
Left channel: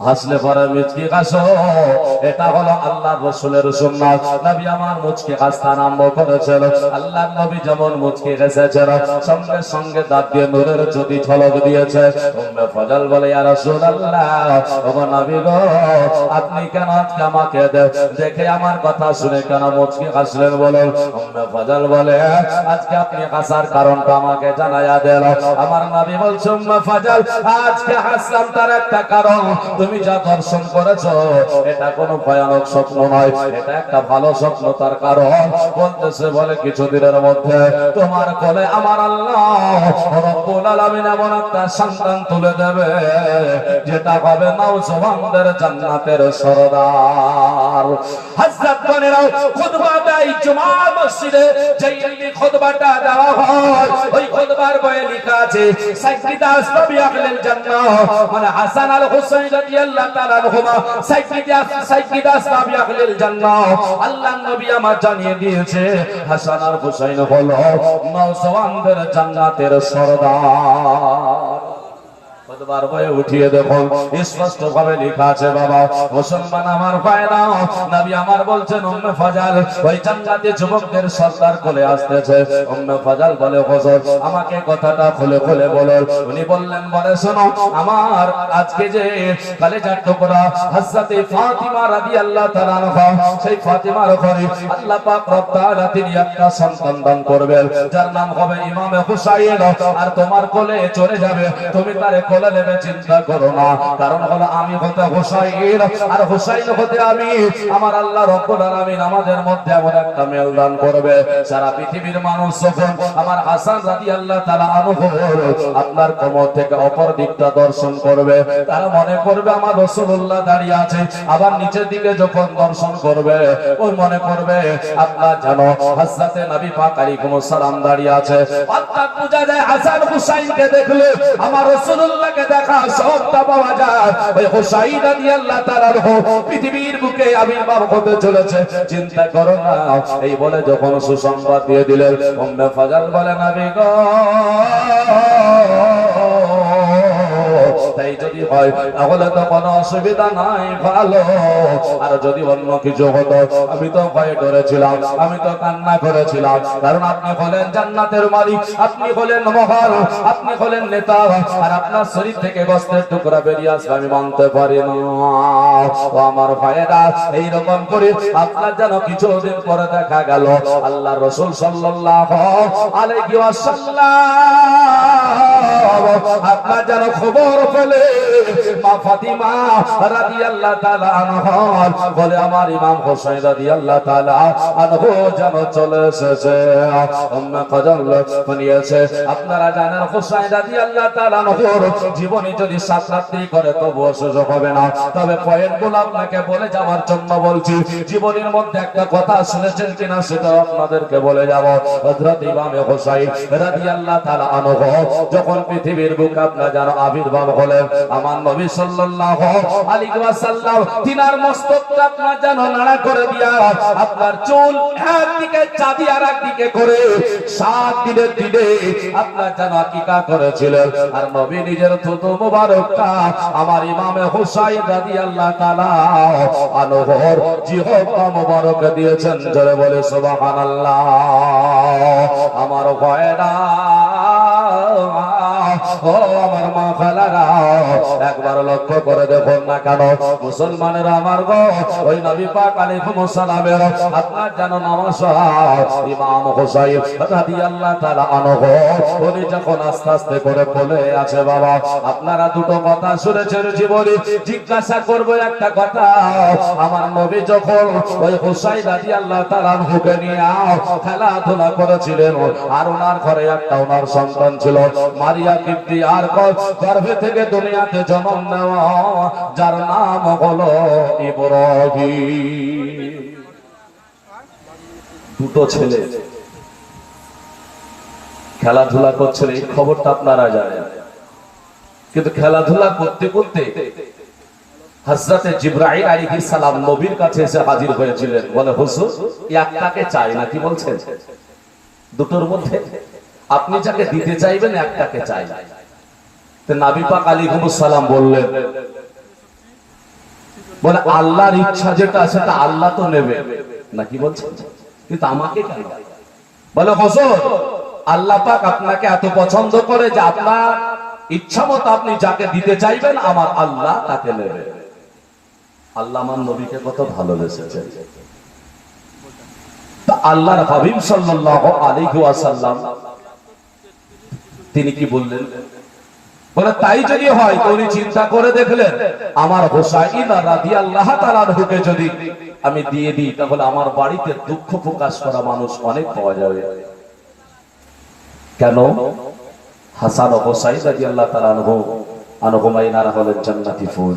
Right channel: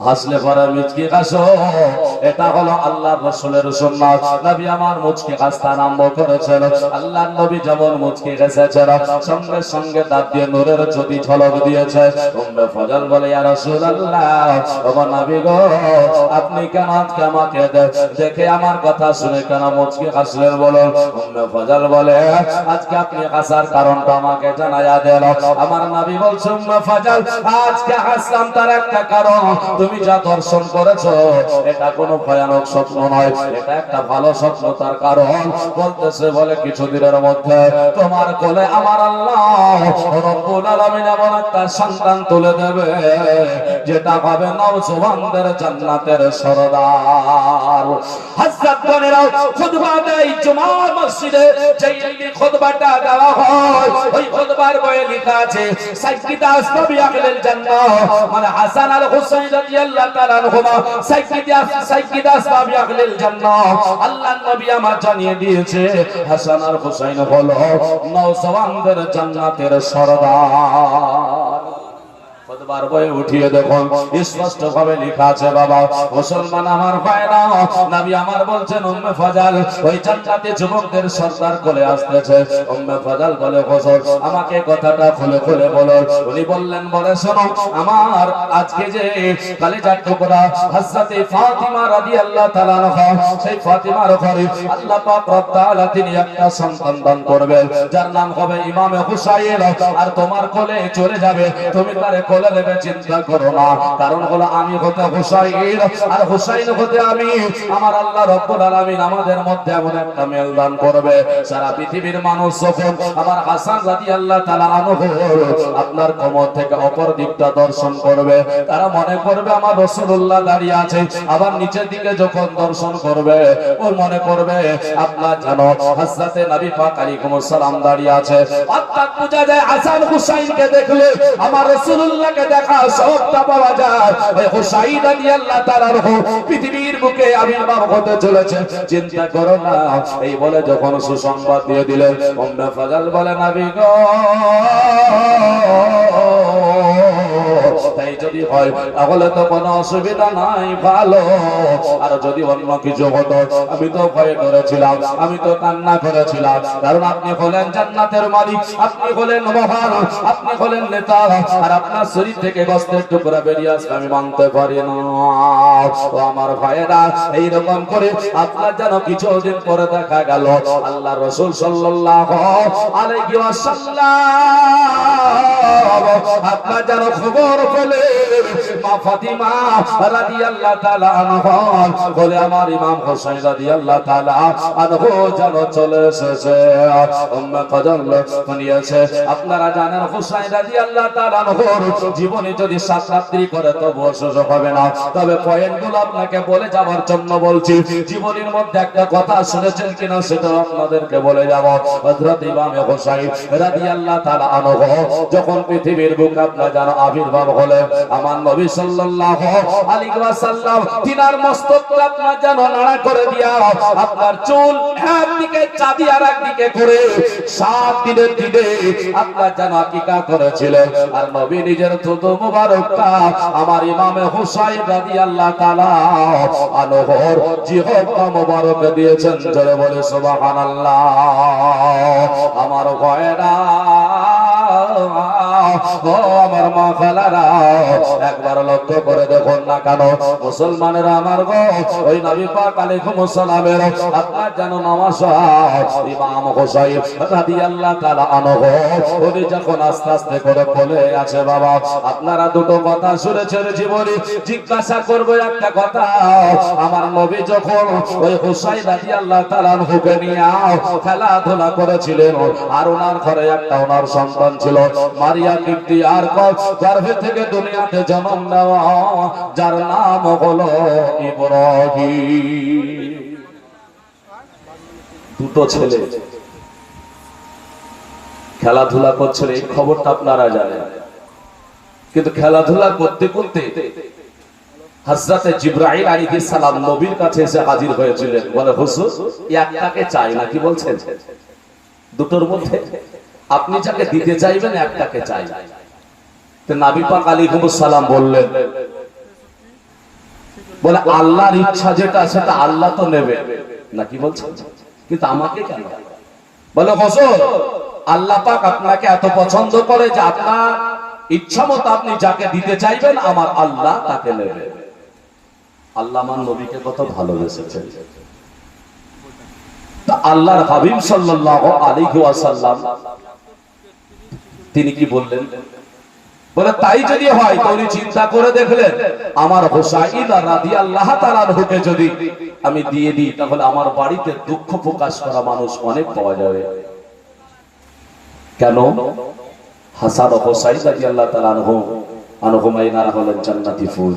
হাসলে পরে মুচকি হাসো, এটা হলো আল্লাহর রাসূলের সুন্নাত। নবী আমার মুচকি হাসতে আরম্ভ করেছেন। আল্লাহর নবী যেমন মুচকি হেসেছেন, সঙ্গে সঙ্গে দাঁত দিয়ে নূরের জ্যোতি ঝলক দিয়েছে। উম্মে ফজল বলে, ইয়া রাসূলুল্লাহ, ওগো নবী গো, আপনি কেন আজকে আমাকে দেখে আমার কথা শুনে কেন মুচকি হাসলেন বলুন? উম্মে ফজল বলে, আজকে আপনি হাসার কারণটা আমাকে জানায়া দেন। আমার নবী বলছে, উম্মে ফজল, আজকে হাসলাম তার একটা কারণ, তুমি যা দর্শন করেছো এটা কোনো ভয়ানক স্বপ্ন নয়, এটা একটা ভালো স্বপ্ন। তার কারণ বলতেছে, বলে কিছুদিনের মধ্যে তোমার কোলে আমার আল্লাহ রব্বুল আলামিন এমন একটা সন্তান তুলে দেবে যেটা হবে নওজওয়ানদের জান্নাতের সরদার। হযরত গণেরা খুতবা দেয় জুমা মসজিদে, যেই খুতবাটা দেওয়া হয় ওই খুতবার বইয়ে লেখা আছে সাইয়্যিদা আসবাবি আহলিল জান্নাহ, মানে হাসান আল হুসাইন রাদিয়াল্লাহু তাআলা আনহুমা সাইয়্যিদা আসবাবি আহলিল জান্নাহ। আল্লাহর নবী আমার জানিয়ে দিয়েছে হাসান আর হুসাইন হলো নওজওয়ানদের জান্নাতের সরদার। খুতবার বইয়ে উঠিয়ে দেখুন স্পষ্ট ভাবে লেখা আছে। বাবা মুসলমান আমার ভাইরা, নবী আমার বলছেন, উম্মে ফজল ওই জান্নাতি যুবকদের সরদার কোলে আসতেছে। উম্মে ফজল বলে, হুজুর আমাকে কথাটা খুলে খুলে বলুন। উনি বললেন, বলে শোনো, আমার আজকে যে কলেজার টুকরা হযরতে ফাতিমা রাদিয়াল্লাহু তাআলা আনহা, সেই ফাতিমার ঘরে আল্লাহ পাক রব তাআলা তিনি একটা সন্তান দান করবেন যার নাম হবে ইমামে হুসাইন, আর তোমার কোলে চলে যাবে, তুমি তারে কোলে নেবে, চিন্তা করো না। কারণ হলো আমি হতে হুসাইন আর হুসাইন হতে আমি। আমার আল্লাহ রব্বুল আলামিন আমাদের মধ্যে এমন একটা মেল দান করবে, সারা পৃথিবীর মানুষ যখন আমার হাসান রাদিয়াল্লাহু তাআলা আনহু আপনার কোমর থেকে অপর দিকটা দর্শন করবে, তারা মনে করবে আমার রাসূলুল্লাহ দাঁড়িয়ে আছে। আবার নিচের দিকে যখন দর্শন করবে, ওই মনে করবে আপনার জানো হযরতে নবী পাক আলাইহিস সালাম দাঁড়িয়ে আছে। অর্থাৎ বোঝা যায় হাসান হুসাইনকে দেখলে আমার রাসূলুল্লাহকে দেখা সবটা পাওয়া যায়। ওই হুসাইন রাদিয়াল্লাহু তাআলা পৃথিবীর বুকে আবির্ভাব হতে চলেছে, চিন্তা করো না। এই বলে যখন সুসংবাদ দিয়ে দিলেন, উম্মে ফজল বলে, নবী গো, তাই যদি হয় তাহলে তো কোনো অসুবিধা নাই, ভালো। আর যদি অন্য কিছু হতো, আমি তো ভয় করেছিলাম, আমি তো কান্না করেছিলাম, কারণ আপনি হলেন জান্নাতের মালিক, আপনি হলেন মহান, আপনি হলেন নেতা, আর আপনার শরীর থেকে গোশতের টুকরা বেরিয়ে আসবে আমি মানতে পারি না। ও আমার ভাইয়েরা, এইরকম করে আপনার যেন কিছুদিন পরে দেখা গেল আল্লাহ রাসূল সাল্লাল্লাহু আলাইহি ওয়াসাল্লাম আপনার যেন খবর পেলে মা ফাতিমা রাদিয়াল্লাহু তাআলা আনহা বলে, আমার ইমাম হোসেন রাদিয়াল্লাহু তাআলা আনহু যেন চলে এসেছে। উম্মে ফজল শুনিয়েছে, আপনারা জানেন হোসেন রাদিয়াল্লাহু তাআলা আনহুর জীবনে যদি 7 রাত্রি করে তবুও সুযোগ হবে না। তবে পয়েন্টগুলো আপনাকে বলে যাওয়ার জন্য বলছি। জীবনের মধ্যে একটা কথা শুনেছেন কিনা সেটা আপনাদেরকে বলে যাব। হযরত ইমাম হোসেন রাদিয়াল্লাহু তাআলা আনহু যখন পৃথিবীর বুকে আপনারা জানো আবির্ভাব হলেন, আমার নবী সাল্লাল্লাহু আলাইহি ওয়াসাল্লাম তিনার মস্তকটা আপনার জানো নাড়া করে দিয়া আপনার চুল একদিকে চাঁদি আর একদিকে করে 7 দিনের দিনে আপনার জানো আকিকা করেছিলেন। আর নবী নিজের থুতু মোবারকটা আমার ইমামে হুসাইন রাদিয়াল্লাহু তাআলা আনহুর জিহ্বা মোবারক দিয়েছেন। জোরে বলে সুবহানাল্লাহ। আমার ভাইরা, ও আমার মা খালারা, একবার লক্ষ্য করে দেখুন না কেন মুসলমানেরা আমার গো, ওই নবী পাক আলাইহিস সালামের আপনার জানো নামাজ ইমাম হুসাইন রাদিয়াল্লাহু তাআলা আনহু উনি যখন আস্তে আস্তে করে কোলে আছে। বাবা আপনারা দুটো কথা শুনেছেন জীবনে, জিজ্ঞাসা করব একটা কথা। আমার নবী যখন ওই হুসাইন রাদিয়াল্লাহু তাআলা আনহুকে নিয়ে খেলাধুলা করেছিলেন, আর ওনার ঘরে একটা ওনার সন্তান ছিল মারিয়া কিবতি, আর গর্ভে থেকে দুনিয়াতে জন্ম নেওয়া যার নাম হলো ইব্রাহিম। দুটো ছেলে খেলাধুলা করছেন, এই খবরটা আপনারা জানেন। কিন্তু খেলাধুলা করতে করতে হযরতে জিবরাইল আলাইহিস সালাম নবীর কাছে এসে হাজির হয়েছিলেন। বলে, হুজুর একটাকে চাই না, কি বলছেন? দুটোর মধ্যে আপনি যাকে দিতে চাইবেন একটাকে চাই। তো নবী পাক আলাইহিস সালাম বললেন, বলে আল্লাহর ইচ্ছা যেটা সেটা আল্লাহ তো নেবে না, কি বলছেন, কিন্তু আমাকে কেন? বলে হুজুর, আল্লাহ পাক আপনাকে এত পছন্দ করে যে আপনার ইচ্ছা মতো আপনি যাকে দিতে চাইবেন আমার আল্লাহ তাকে নেবে। আল্লাহ আমার নবীকে কত ভালোবেসেছে। তো আল্লাহর হাবিব সাল্লাল্লাহু আলাইহি ওয়াসাল্লাম তিনি কি বললেন? বলে তাই যদি হয় তো উনি চিন্তা করে দেখলেন আমার হুসাইন রাদিয়াল্লাহু তাআলা আনহুকে যদি আমি দিয়ে দিই তাহলে আমার বাড়িতে দুঃখ প্রকাশ করা মানুষ অনেক পাওয়া যাবে। কেন? হাসান ও হুসাইন রাদিয়াল্লাহু তাআলা আনহুমা ইনারা হলেন জান্নাতি ফুল।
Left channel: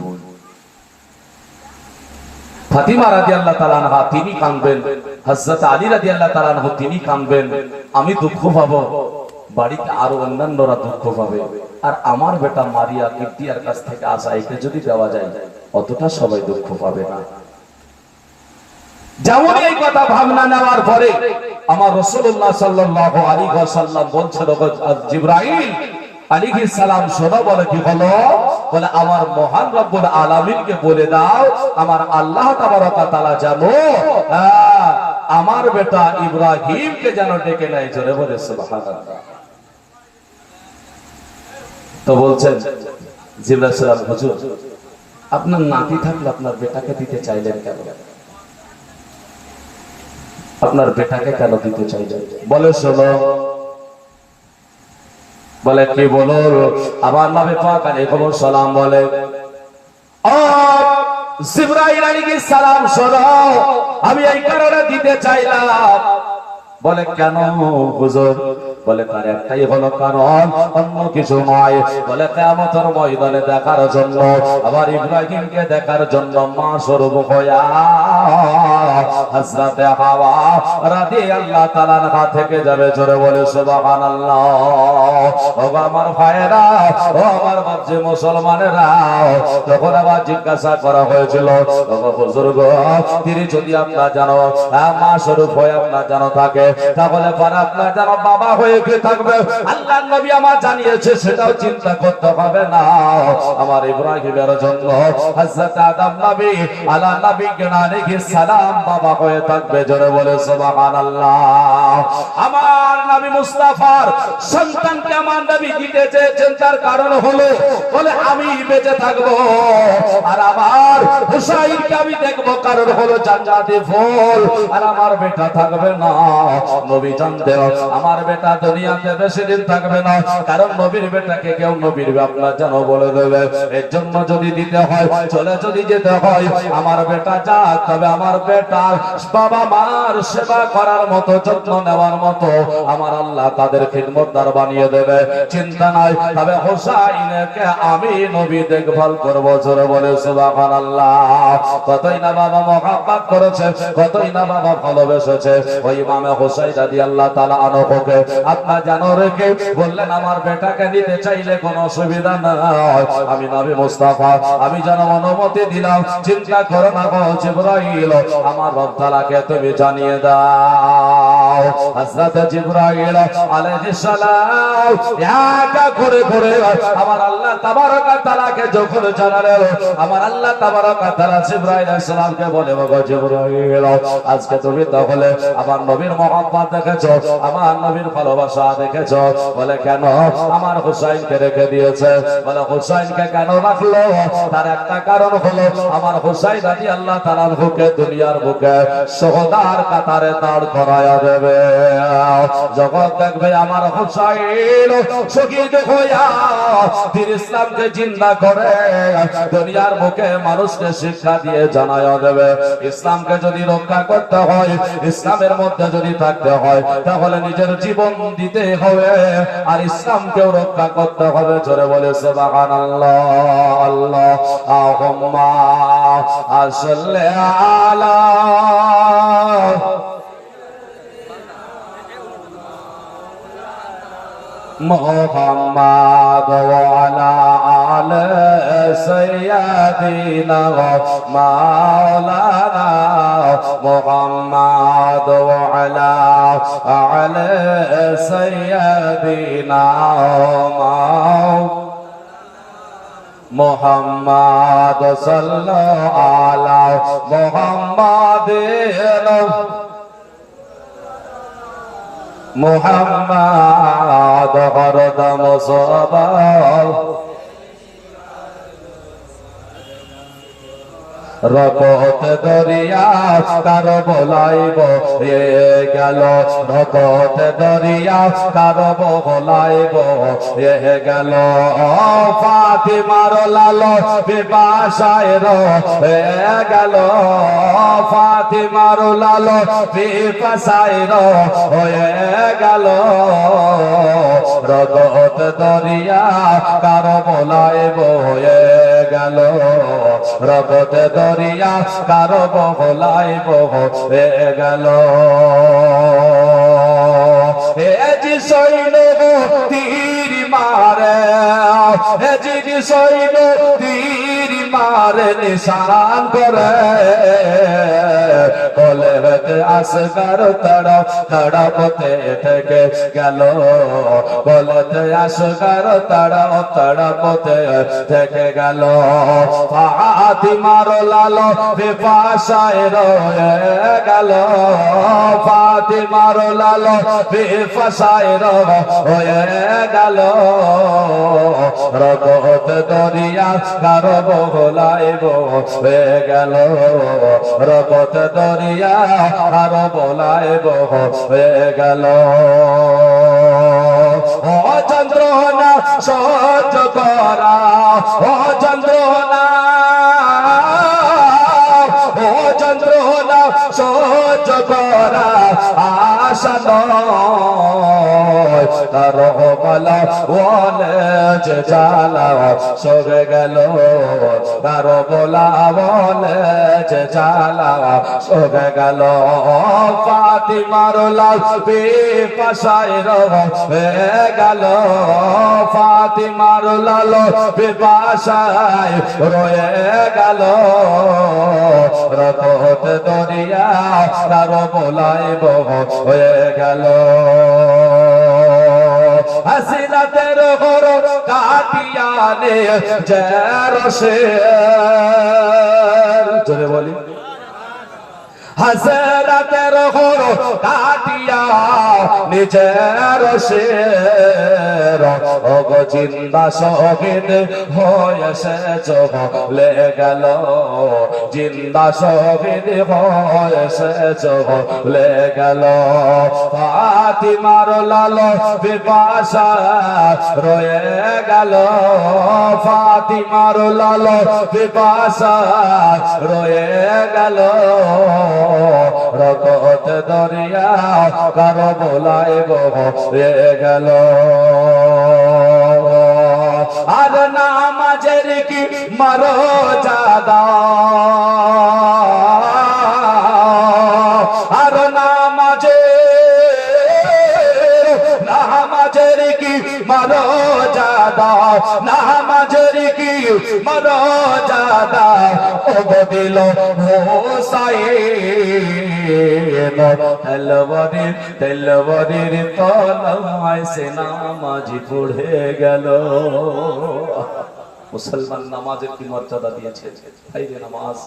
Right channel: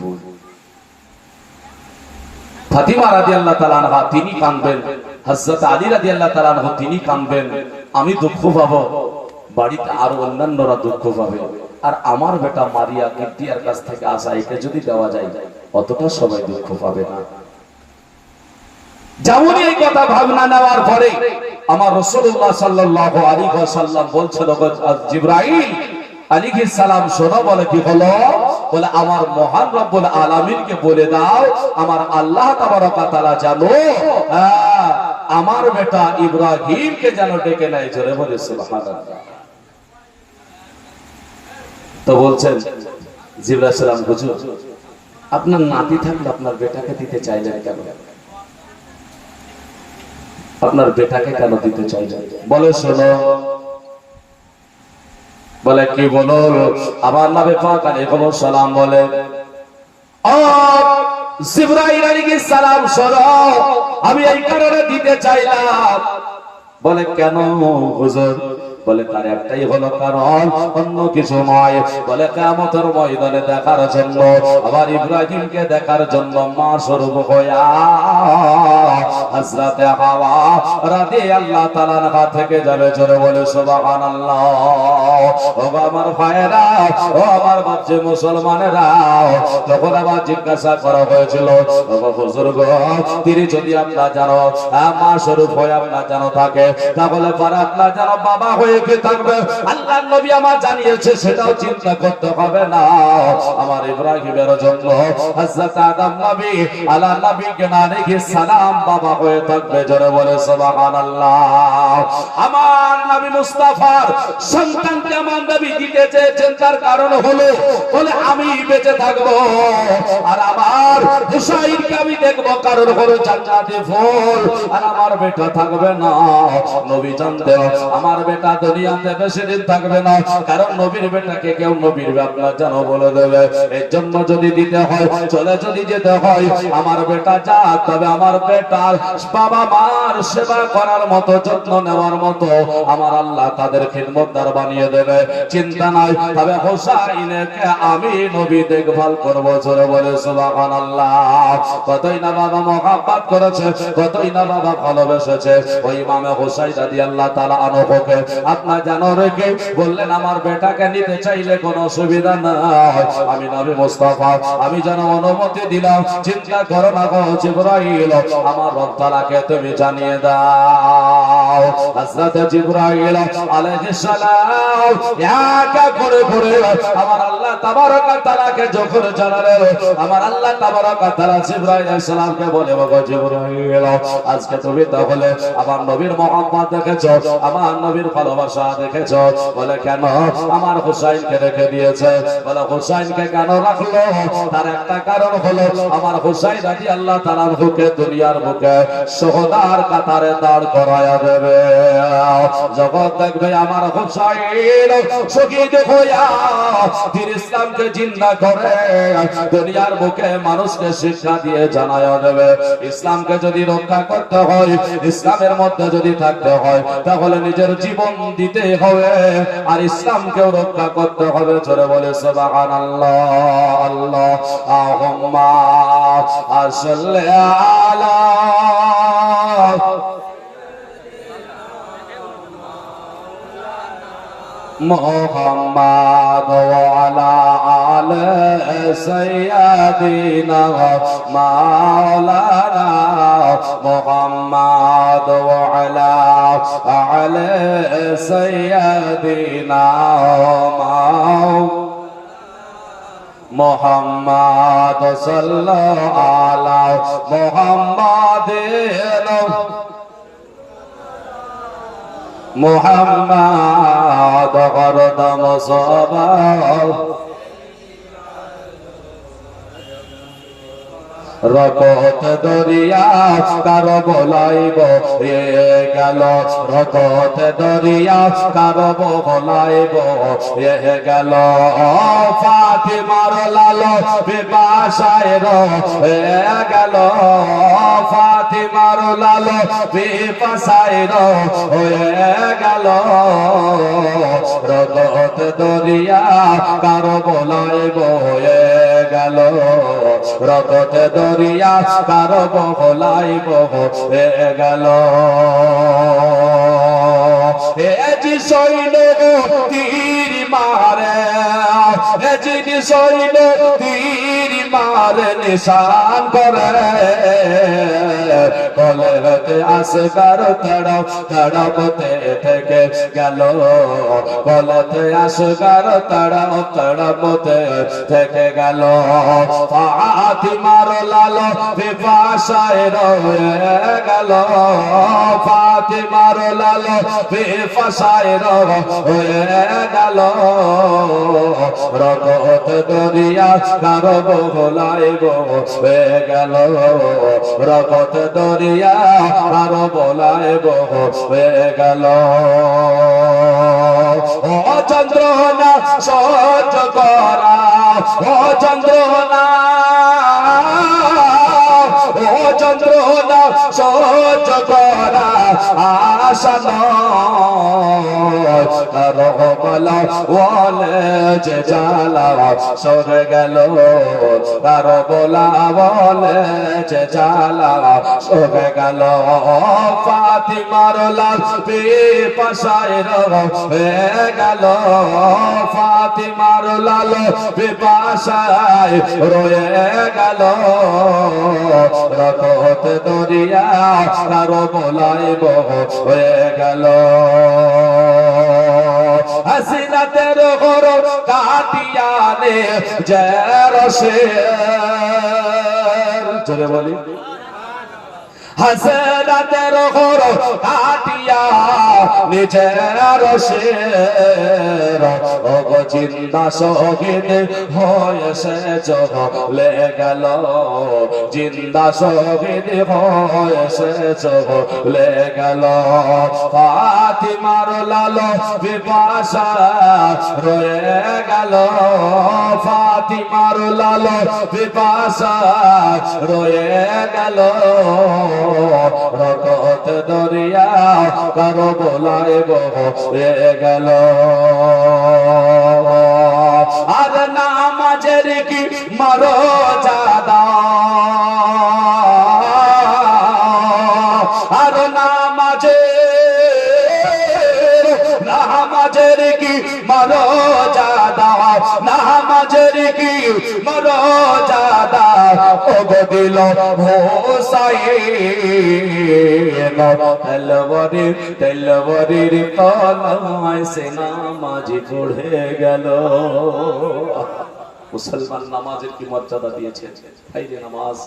ফাতিমা রাদিয়াল্লাহু তাআলা আনহা তিনি কাঁদবেন, হযরত আলী রাদিয়াল্লাহু তাআলা আনহু তিনি কাঁদবেন, আমি দুঃখ পাবো, বাড়িতে আরো অন্যান্যরা দুঃখ পাবে। আর আমার বেটা মারিয়া কিবতিয়ার কাছ থেকে আসা এটা যদি দেওয়া যায় অতটা সবাই দুঃখ পাবে না। যেমন এই কথা ভাবনা নেওয়ার পরে আমার রাসূলুল্লাহ সাল্লাল্লাহু আলাইহি ওয়াসাল্লাম বলছেন, জিবরাইল আলাইহিস সালাম শোনো। বলে কি হলো? বলে আমার মহান রব্বুল আলামিনকে বলে দাও আমার আল্লাহ তাবারক ওয়া তাআলা জানো আমার বেটা ইব্রাহিমকে যেন ডেকে নেয়। জোরে বলে সুবহানাল্লাহ। তো বলছেন জিবরাইল সালাম, হুজুর আপনার নাতি থাকলে আপনার বেটাকে দিতে চাইলেন কেন? আপনার বেটাকে কেন দিতে চাইলেন? বলে শোনো। বলে কি বলো? আমার নবী পাক আলাইহিস সালাম বলে, ও জিবরাইল আলাইহিস সালাম শোনো, আমি এই কারণে দিতে চাইলাম। বলে কেন হুজুর? বলে তার একটাই হলো কারণ, অন্য কিছু নয়। বলে কিয়ামতের ময়দানে দেখার জন্য, আবার ইব্রাহিমকে দেখার জন্য মা স্বরূপ হইয়া হযরত হাওয়া রাদিয়াল্লাহু তাআলা আনহা থেকে যাবে। জোরে বলে সুবহানাল্লাহ। ও আমার ভাইয়েরা, ও আমার বাচ্চা মুসলমানেরা, তখন আবার জিজ্ঞাসা করা হয়েছিল, ও হুজুর গো, তিনি যদি আপনার জানো মা স্বরূপ হয়ে আপনার জানো থাকে তাহলে পরে আপনার জানো বাবা হয়ে থাকবে। আল্লাহ নবী আমার জানিয়েছে সেটাও চিন্তা করতে হবে না। আমার ইব্রাহিমের জন্য হযরত আদম নবী আলা আলাইহিস সালাম বাবা হয়ে থাকবে। জোরে বলে সুবহানাল্লাহ। আমার নবী মুস্তাফার সন্তানকে আমার নবী দিতে চেয়েছেন, তার কারণ হলো বলে আমি বেঁচে থাকবো আর আমার হুসাইনকে আমি দেখবো, কারণ হলো জান্নাতি ফুল। আর আমার বেটা থাকবে না। নবী জানতেন আমার বেটা দুনিয়াতে বেশি দিন থাকবে না, কারণ নবীর বেটাকে কেউ নবীর বাবা যেন বলে দেবে। এর জন্য যদি দিতে হয়, চলে যদি যেতে হয়, আমার বেটা যা, তবে আমার বেটা বাবা মার সেবা করার মতো, যত্ন নেওয়ার মতো আমার আল্লাহ তাদের খিদমতদার বানিয়ে দেবে। চিন্তা নাই, তবে হুসাইনকে আমি নবী দেখভাল করব। জোরে বলে সুবহানাল্লাহ। কতই না বাবা মহব্বত করেছে, কতই না বাবা ভালোবেসেছে ওই ইমামে হুসাইন রাদিয়াল্লাহু তাআলা আনহুকে। আপনার জানো রেখে বললেন আমার বেটাকে নিতে চাইলে কোনো অসুবিধা নাই, আমি নবী মুস্তাফা আমি যেন অনুমতি দিলাম। চিন্তা করো না গো জিবরাইল, আমার রব তাআলাকে তুমি জানিয়ে দাও। হযরত জিবরাইল আলাইহিস সালাম একা ঘুরে ঘুরে আমার আল্লাহ তাবারক ওয়া তাআলাকে যখন জানালেন, আমার আল্লাহ তাবারক ওয়া তাআলা জিবরাইল আলাইহিস সালামকে বলে, বাবা জিবরাইল আজকে তুমি তাহলে আমার নবীর মহব্বত দেখেছো, আমার নবীর ভালোবাসা দেখেছো। বলে কেন? আমার হুসাইনকে রেখে দিয়েছে। বলে হুসাইনকে কেন রাখলো? তার একটা কারণ হলো আমার হুসাইন রাদিয়াল্লাহু তাআলা আনহুকে দুনিয়ার বুকে শহীদার কাতারে দাঁড় করায়া দেবে। জগৎ দেখবে আমার হুসাইন শহীদ হইয়া দিন ইসলামকে জিন্দা করে দুনিয়ার বুকে মানুষকে শিক্ষা দিয়ে জানায়া দেবে। ইসলামকে যদি রক্ষা করতে হয়, ইসলামের মধ্যে যদি থাকতে হয়, তাহলে নিজের জীবন দিতে হবে আর ইসলামকেও রক্ষা করতে হবে। জোরে বলে সুবহানাল্লাহ। আল্লাহুম্মা সাল্লি আলা মুহাম্মাদ ওয়া আলা আলি সাইয়্যিদিনা মাওলানা মুহাম্মাদ ওয়া আলা আলি সাইয়্যিদিনা মোহাম্মদ সাল্লাল্লাহু আলা মুহাম্মাদিন মোহাম্মদ হরদম সবা রকত দরিয়া কার বলাইব এ গেল রকত দরিয়া কার বলাইব এ গেল ফাতিমার লালো বিপাশায় এ গেল ফাতিমার লালো বিপাশায় হয়ে গেল রকত দরিয়া কার বলাইব হয়ে গেল রকত দরিয়া কার বলাইব হয়ে গেল এ জি সৈন্য তীর মারে এ জি সৈন্য তীর মারে নিশান করে কলেতে আসগার তড়প তড়পতে থেকে গেল কলেতে আসগার তড়প তড়পতে থেকে গেল ফাতিমার লালো বিপাশায় রয়ে গেল ফাতিমার লালো বিপাশায় রয়ে গেল রকত দরিয়া কার বলাইব হয়ে গেল রকত দরিয়া কার বলাইব হয়ে গেল ও চন্দ্রনা সহ্য করা ও চন্দ্রনা ও চন্দ্রনা সহ্য করা আশা নয় তার বল বলে যে জ্বালা সরে গেল তার বলা বলে যে জ্বালা সরে গেল ফাতিমার লাল বিপাশায় রয়ে গেল ফাতিমার লাল বিপাশায় রয়ে গেল রকত দরিয়া তার বলাইব হয়ে গেল হাসিনাতের ঘর কাটিয়ানে জেরসে জোরে বলি হাসিনাতের ঘর কাটিয়া নিজের শের জিন্দা শহীদ হয়েছে চলে গেল জিন্দা শহীদ হয়েছে চলে গেল ফাতিমার লালো বিপাশা রয়ে গেল ফাতিমার লালো বিপাশা রয়ে গেল রকত দরিয়া কার বলাইব হয়ে গেল আর নামাজের কি মারো জাদা আর নামাজের কি মারো জাদা নামাজের কি মারো জাদা ও দিল তেলবরির তলায় সে নামাজি পড়ে গেল মুসলমান নামাজের কি মর্যাদা দিয়েছে এই যে নামাজ